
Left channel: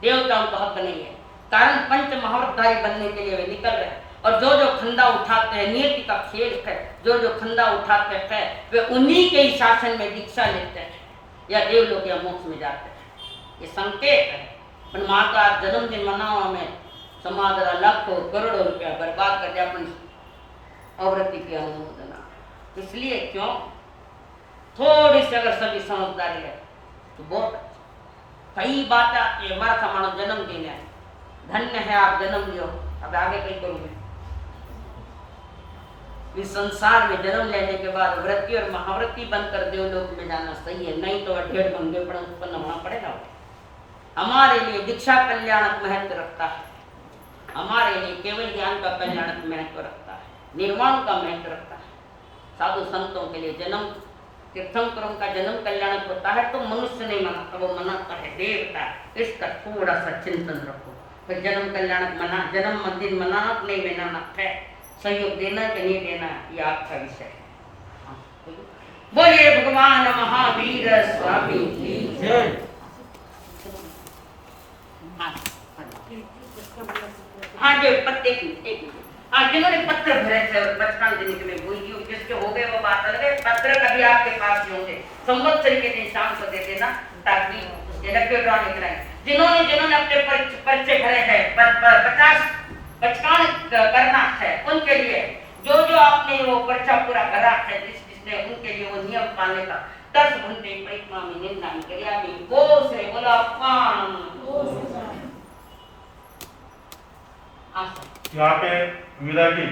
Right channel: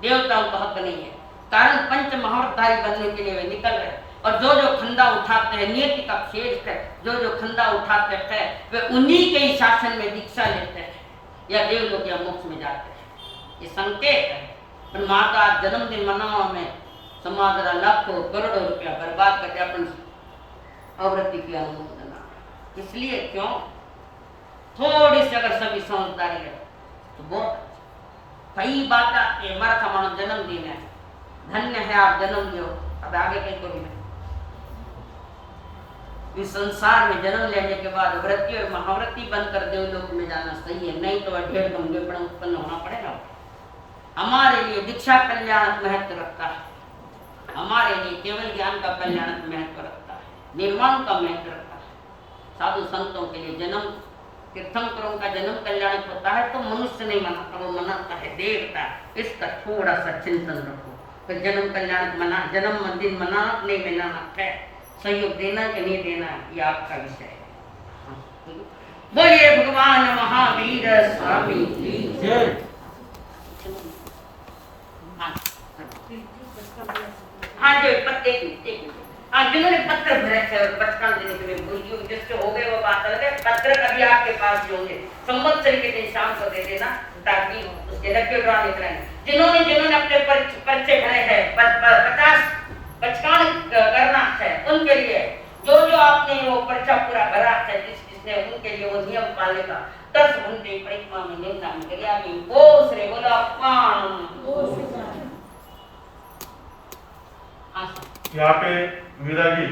देवताओं का हक नहीं है। कारण पंच महावतधारी बनने के लिए वे निकल रहे हैं और जो जो खंदा उठाते हैं, नियति का खेल है, जो जो खंदा उठाते हैं वे उन्हीं के ही शासन में दीक्षा लेते हैं या देवलोक या मोक्ष में जाते हैं। ये संकेत है। पर माँ का जन्मदिन मनाओ में समाज लाखों करोड़ों रुपया बर्बाद करके अपन अवृत्ति की अनुमोदना। इसलिए क्यों थोड़ी सी अगर सभी समझदारी है तो बहुत कई बात आती है। हमारा मानो जन्मदिन है, धन्य है आप जन्म लियो, अब आगे कहीं करूँगी। इस संसार में जन्म लेने के बाद वृत्ति और महावृत्ति बनकर देवलोक में जाना सही है, नहीं तो 1.5 गंभीर पण उत्पन्न होना पड़ेगा। हमारे लिए दीक्षा कल्याणक महत्व रखता है, हमारे लिए केवल ज्ञान का कल्याणक महत्व रखता है, निर्वाण का महत्व रखता है। साधु संतों के लिए जन्म तीर्थंकरों का जन्म कल्याणक होता है तो मनुष्य नहीं मनाता, वो मनाता है देवता। इसका थोड़ा सा चिंतन रखो। तो जन्म कल्याणक मना, जन्मदिन मना नहीं मनाना है, सहयोग देना कि नहीं देना ये आपका विषय है। बोलिए भगवान महावीर स्वामी की जय। हाँ जी, एक मिनट। आप जिन्होंने पत्र भरे थे और 55 दिनों के में बोलियो जिससे हो गए वो बात अलग है। पत्र कभी आपके पास ही होंगे, संवत्सरी के दिन शाम को दे देना ताकि उसके रखे ड्रा निकलाएं। जिन्होंने अपने पर्चे भरे हैं 55 करना है उनके लिए जो आपने वो पर्चा पूरा भरा है जिसने उनके लिए वो नियम पालने का 10 घंटे परिक्रमा में निंदा में करिया भी वो श्री बोला यहाँ पे मीरा जी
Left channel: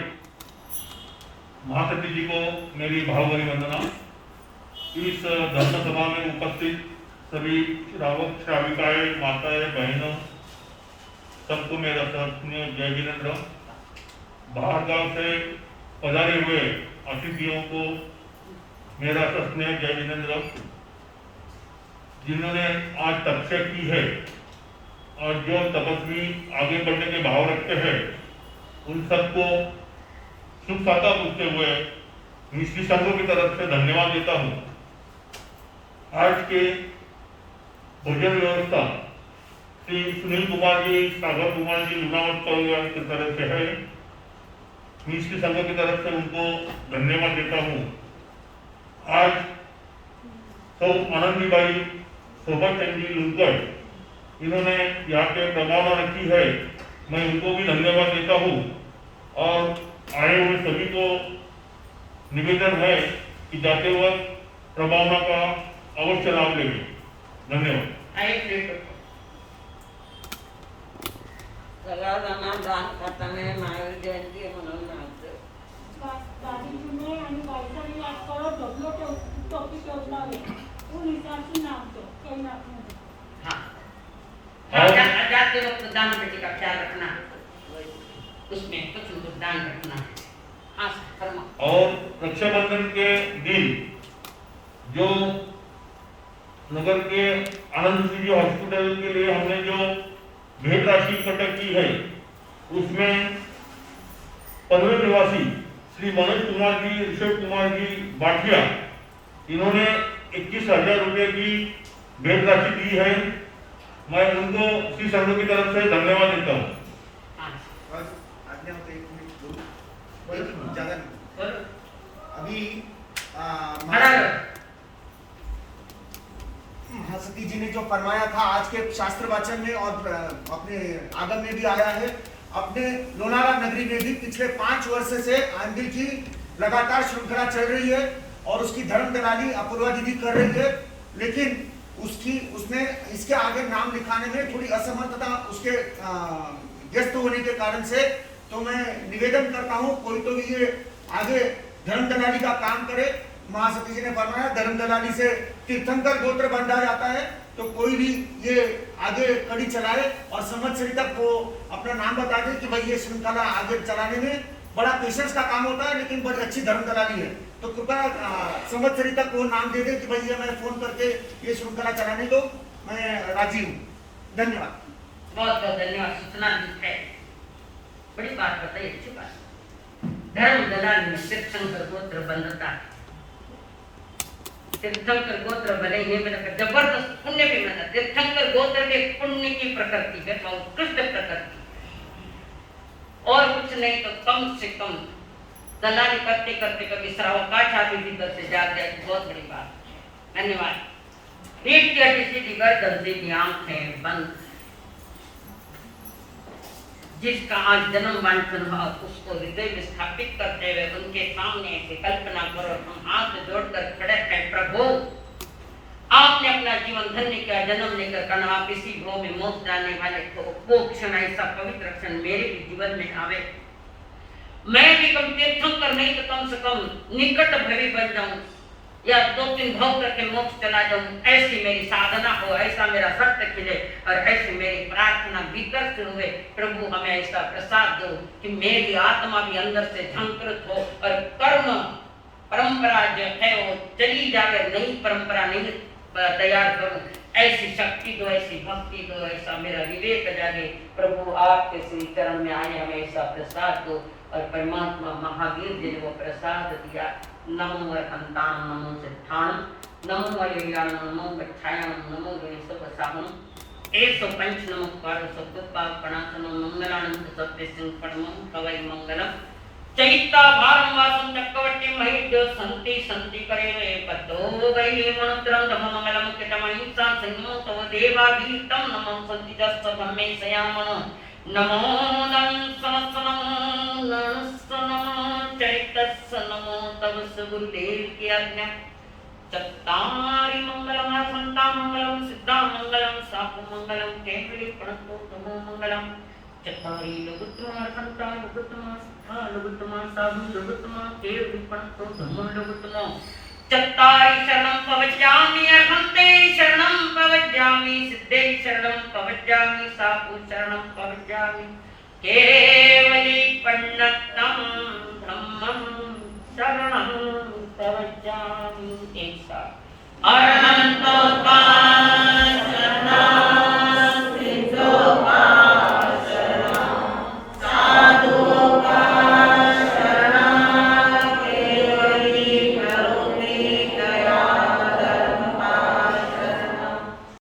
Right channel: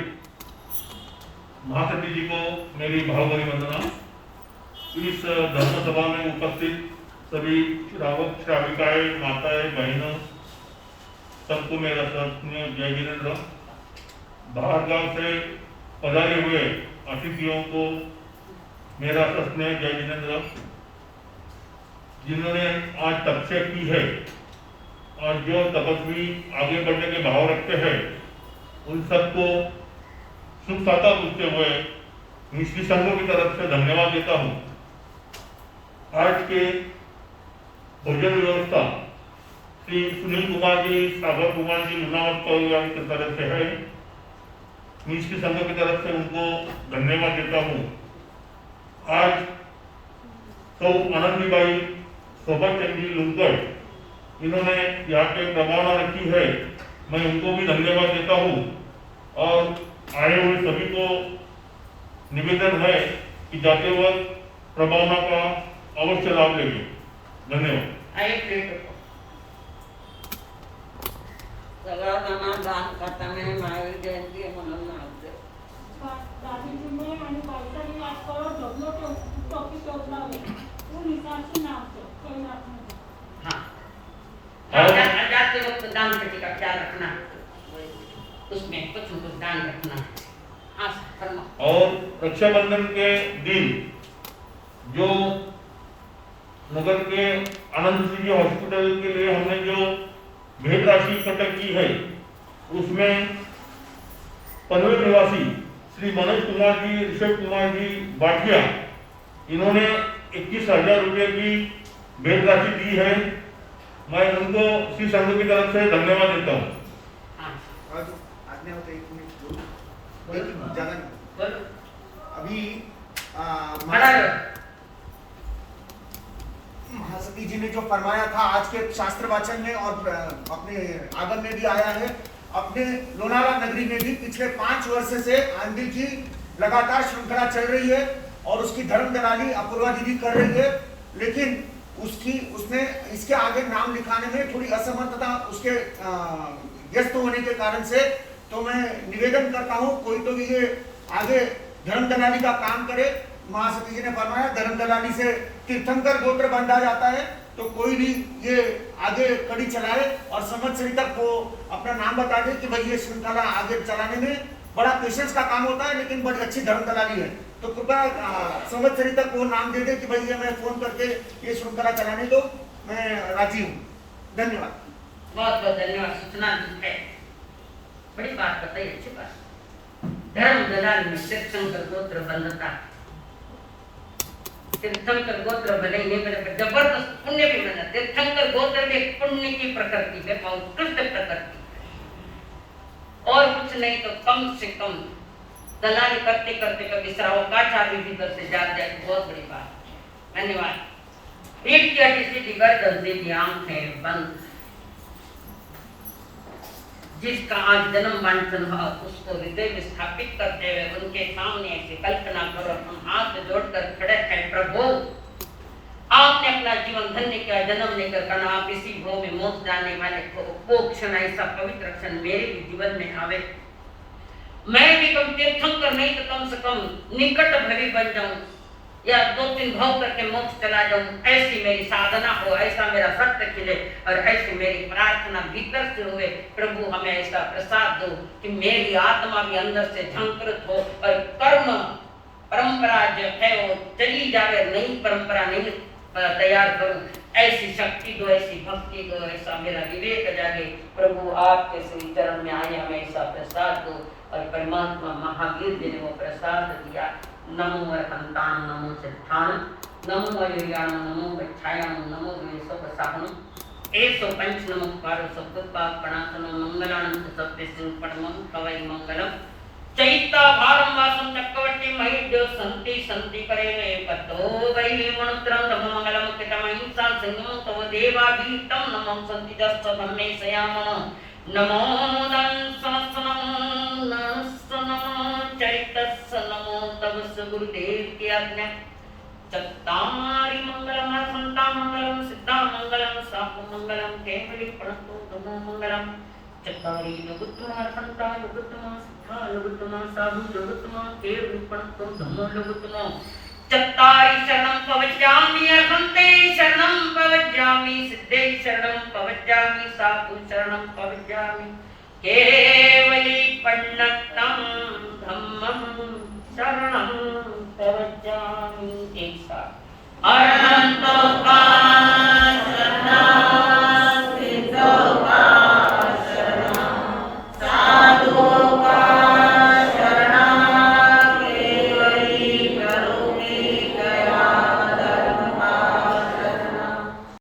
महासती जी को मेरी भावभरी वंदना। इस धर्म सभा में उपस्थित सभी श्रावक श्राविकाएं माताएं बहनों सबको मेरा श्रद्धेय जय जिनेन्द्र। बाहर गांव से पधारे हुए अतिथियों को मेरा श्रद्धेय जय जिनेन्द्र। जिन्होंने आज तपस्या की है और जो तपस्वी आगे बढ़ने के भाव रखते हैं उन सबको सुख साता पूछते हुए निश्चित संघों की तरफ से धन्यवाद देता हूँ। आज के भोजन व्यवस्था श्री सुनील कुमार जी, सागर कुमार जी, लुनावत परिवार की तरफ से है। निश्चित संघों की तरफ से उनको धन्यवाद देता हूँ। आज सौ आनंदी बाई, शोभा चंद जी लुनकर इन्होंने यहाँ पे प्रभावना रखी है, मैं उनको भी धन्यवाद देता हूँ। और आए हुए सभी को निवेदन है कि जाते वक्त प्रभावना का अवश्य लाभ लेंगे। धन्यवाद। दान करताना महावीर जयंती मनावं दादीजी ने आणि बायकांनी आजकाल डब्ल्यूचे टॉपिक योजना आहे वो निसासी नाम तो केला जाते वक्त दान पेटी का ख्याल रखना, उसमें कुछ दान रखना है। हाँ फरमा। और रक्षाबंधन के दिन जो नगर के आनंद सिंह हॉस्पिटल के लिए हमने जो भेंट राशि इकट्ठा की है उसमें पनवेल निवासी श्री मनोज कुमार जी, ऋषभ कुमार जी बाटिया इन्होंने 21,000 रुपये की भेंट राशि दी है। मैं उनको श्री संघ की तरफ से धन्यवाद देता हूँ। अभी महासती जी ने जो फरमाया था आज के शास्त्र वाचन में और अपने आगम में भी आया है, अपने लोनावाला नगरी में भी पिछले 5 वर्ष से आंधी की लगातार श्रृंखला चल रही है और उसकी धर्म दलाली अपूर्वा दीदी कर रही है। लेकिन उसने इसके आगे नाम लिखाने में थोड़ी असमर्थता उसके व्यस्त होने के कारण से, तो मैं निवेदन करता हूं कोई तो भी ये आगे धर्म दलाली का काम करे। महासती जी ने फरमाया धर्म दलाली से तीर्थंकर गोत्र बंधा जाता है, तो कोई भी ये आगे कड़ी चलाए और संवत्सरी तक वो अपना नाम बता दे कि भाई ये श्रृंखला आगे चलाने में बड़ा पेशेंस का काम होता है, लेकिन बड़ी अच्छी धर्म दलाली है। तो कृपया संवत्सरी तक वो नाम दे दे कि भाई ये मैं फोन करके ये श्रृंखला चलाने दो, मैं राजी हूँ। धन्यवाद। बहुत बहुत धन्यवाद। सूचना दी है, बड़ी बात बताई, अच्छी बात। धर्म दलाल में तीर्थंकर गोत्र बंधता है। तीर्थंकर गोत्र बने ये मेरा जबरदस्त पुण्य भी बना। तीर्थंकर गोत्र में पुण्य की प्रकृति है, उत्कृष्ट प्रकृति, और कुछ नहीं तो कम से कम दलाली करते करते कभी श्रावकाच आदमी भीतर से जाग जाए, बहुत बड़ी बात। धन्यवाद। पेट की हड्डी सीधी गर्दन सीधी आंखें बंद, जिसका आज जन्म वांछन हुआ उसको हृदय में स्थापित करते हुए उनके सामने ऐसे कल्पना करो, हम हाथ जोड़कर खड़े हैं, प्रभु आपने अपना जीवन धन्य किया, जन्म लेकर करना, आप इसी भव में मोक्ष जाने वाले को वो क्षण ऐसा पवित्र क्षण मेरे भी जीवन में आवे। मैं भी कम तीर्थंकर नहीं तो कम से कम निकट भवी बन जाऊं या 2-3 भव करके मोक्ष चला जाऊं, ऐसी मेरी साधना हो, ऐसा मेरा सत्य खिले और ऐसी मेरी प्रार्थना भीतर से हुए। प्रभु हमें ऐसा प्रसाद दो कि मेरी आत्मा भी अंदर से झंकृत हो और कर्म परंपरा जो है वो चली जावे, नई परंपरा नहीं तैयार करूं, ऐसी शक्ति दो, ऐसी भक्ति दो, ऐसा मेरा विवेक जागे। प्रभु आपके श्री चरण में आए हमें ऐसा प्रसाद दो। और परमात्मा महावीर जी ने वो प्रसाद दिया। नमो अर्हन्ताणं नमो सिद्धाणं नमो अय्याणं नमो गच्छायाणं नमो वेशवसाहनं 105 नमः पारसो कृपाकणासनं मंगलानं सत्यसिंहपणमं कवै मंगलम चैता भारम वासं चक्रवर्ती महिद्यो संति संति करेवे पतो वै मनुत्रं धम्ममंगलम कितमहिंसा संगमो तव देवाभीतं नमः संति दस्स धम्मे सयामन नमो दंसनसनं नमः चैतस्य नमो तव गुरुदेव की आज्ञा चत्तारि मंगलम संता मंगलम सिद्धा मंगलम साप मंगलम केवली प्रणतो नमो मंगलम चत्तारि लघुत्तमा संता लघुत्तमा सिद्धा लघुत्तमा साधु लघुत्तमा केवली प्रणतो नमो लघुत्तमा चत्तारि शरणं पवज्जामि अर्हन्ते शरणं पवज्जामि सिद्धे शरणं पवज्जामि साधु शरणं पवज्जामि केवली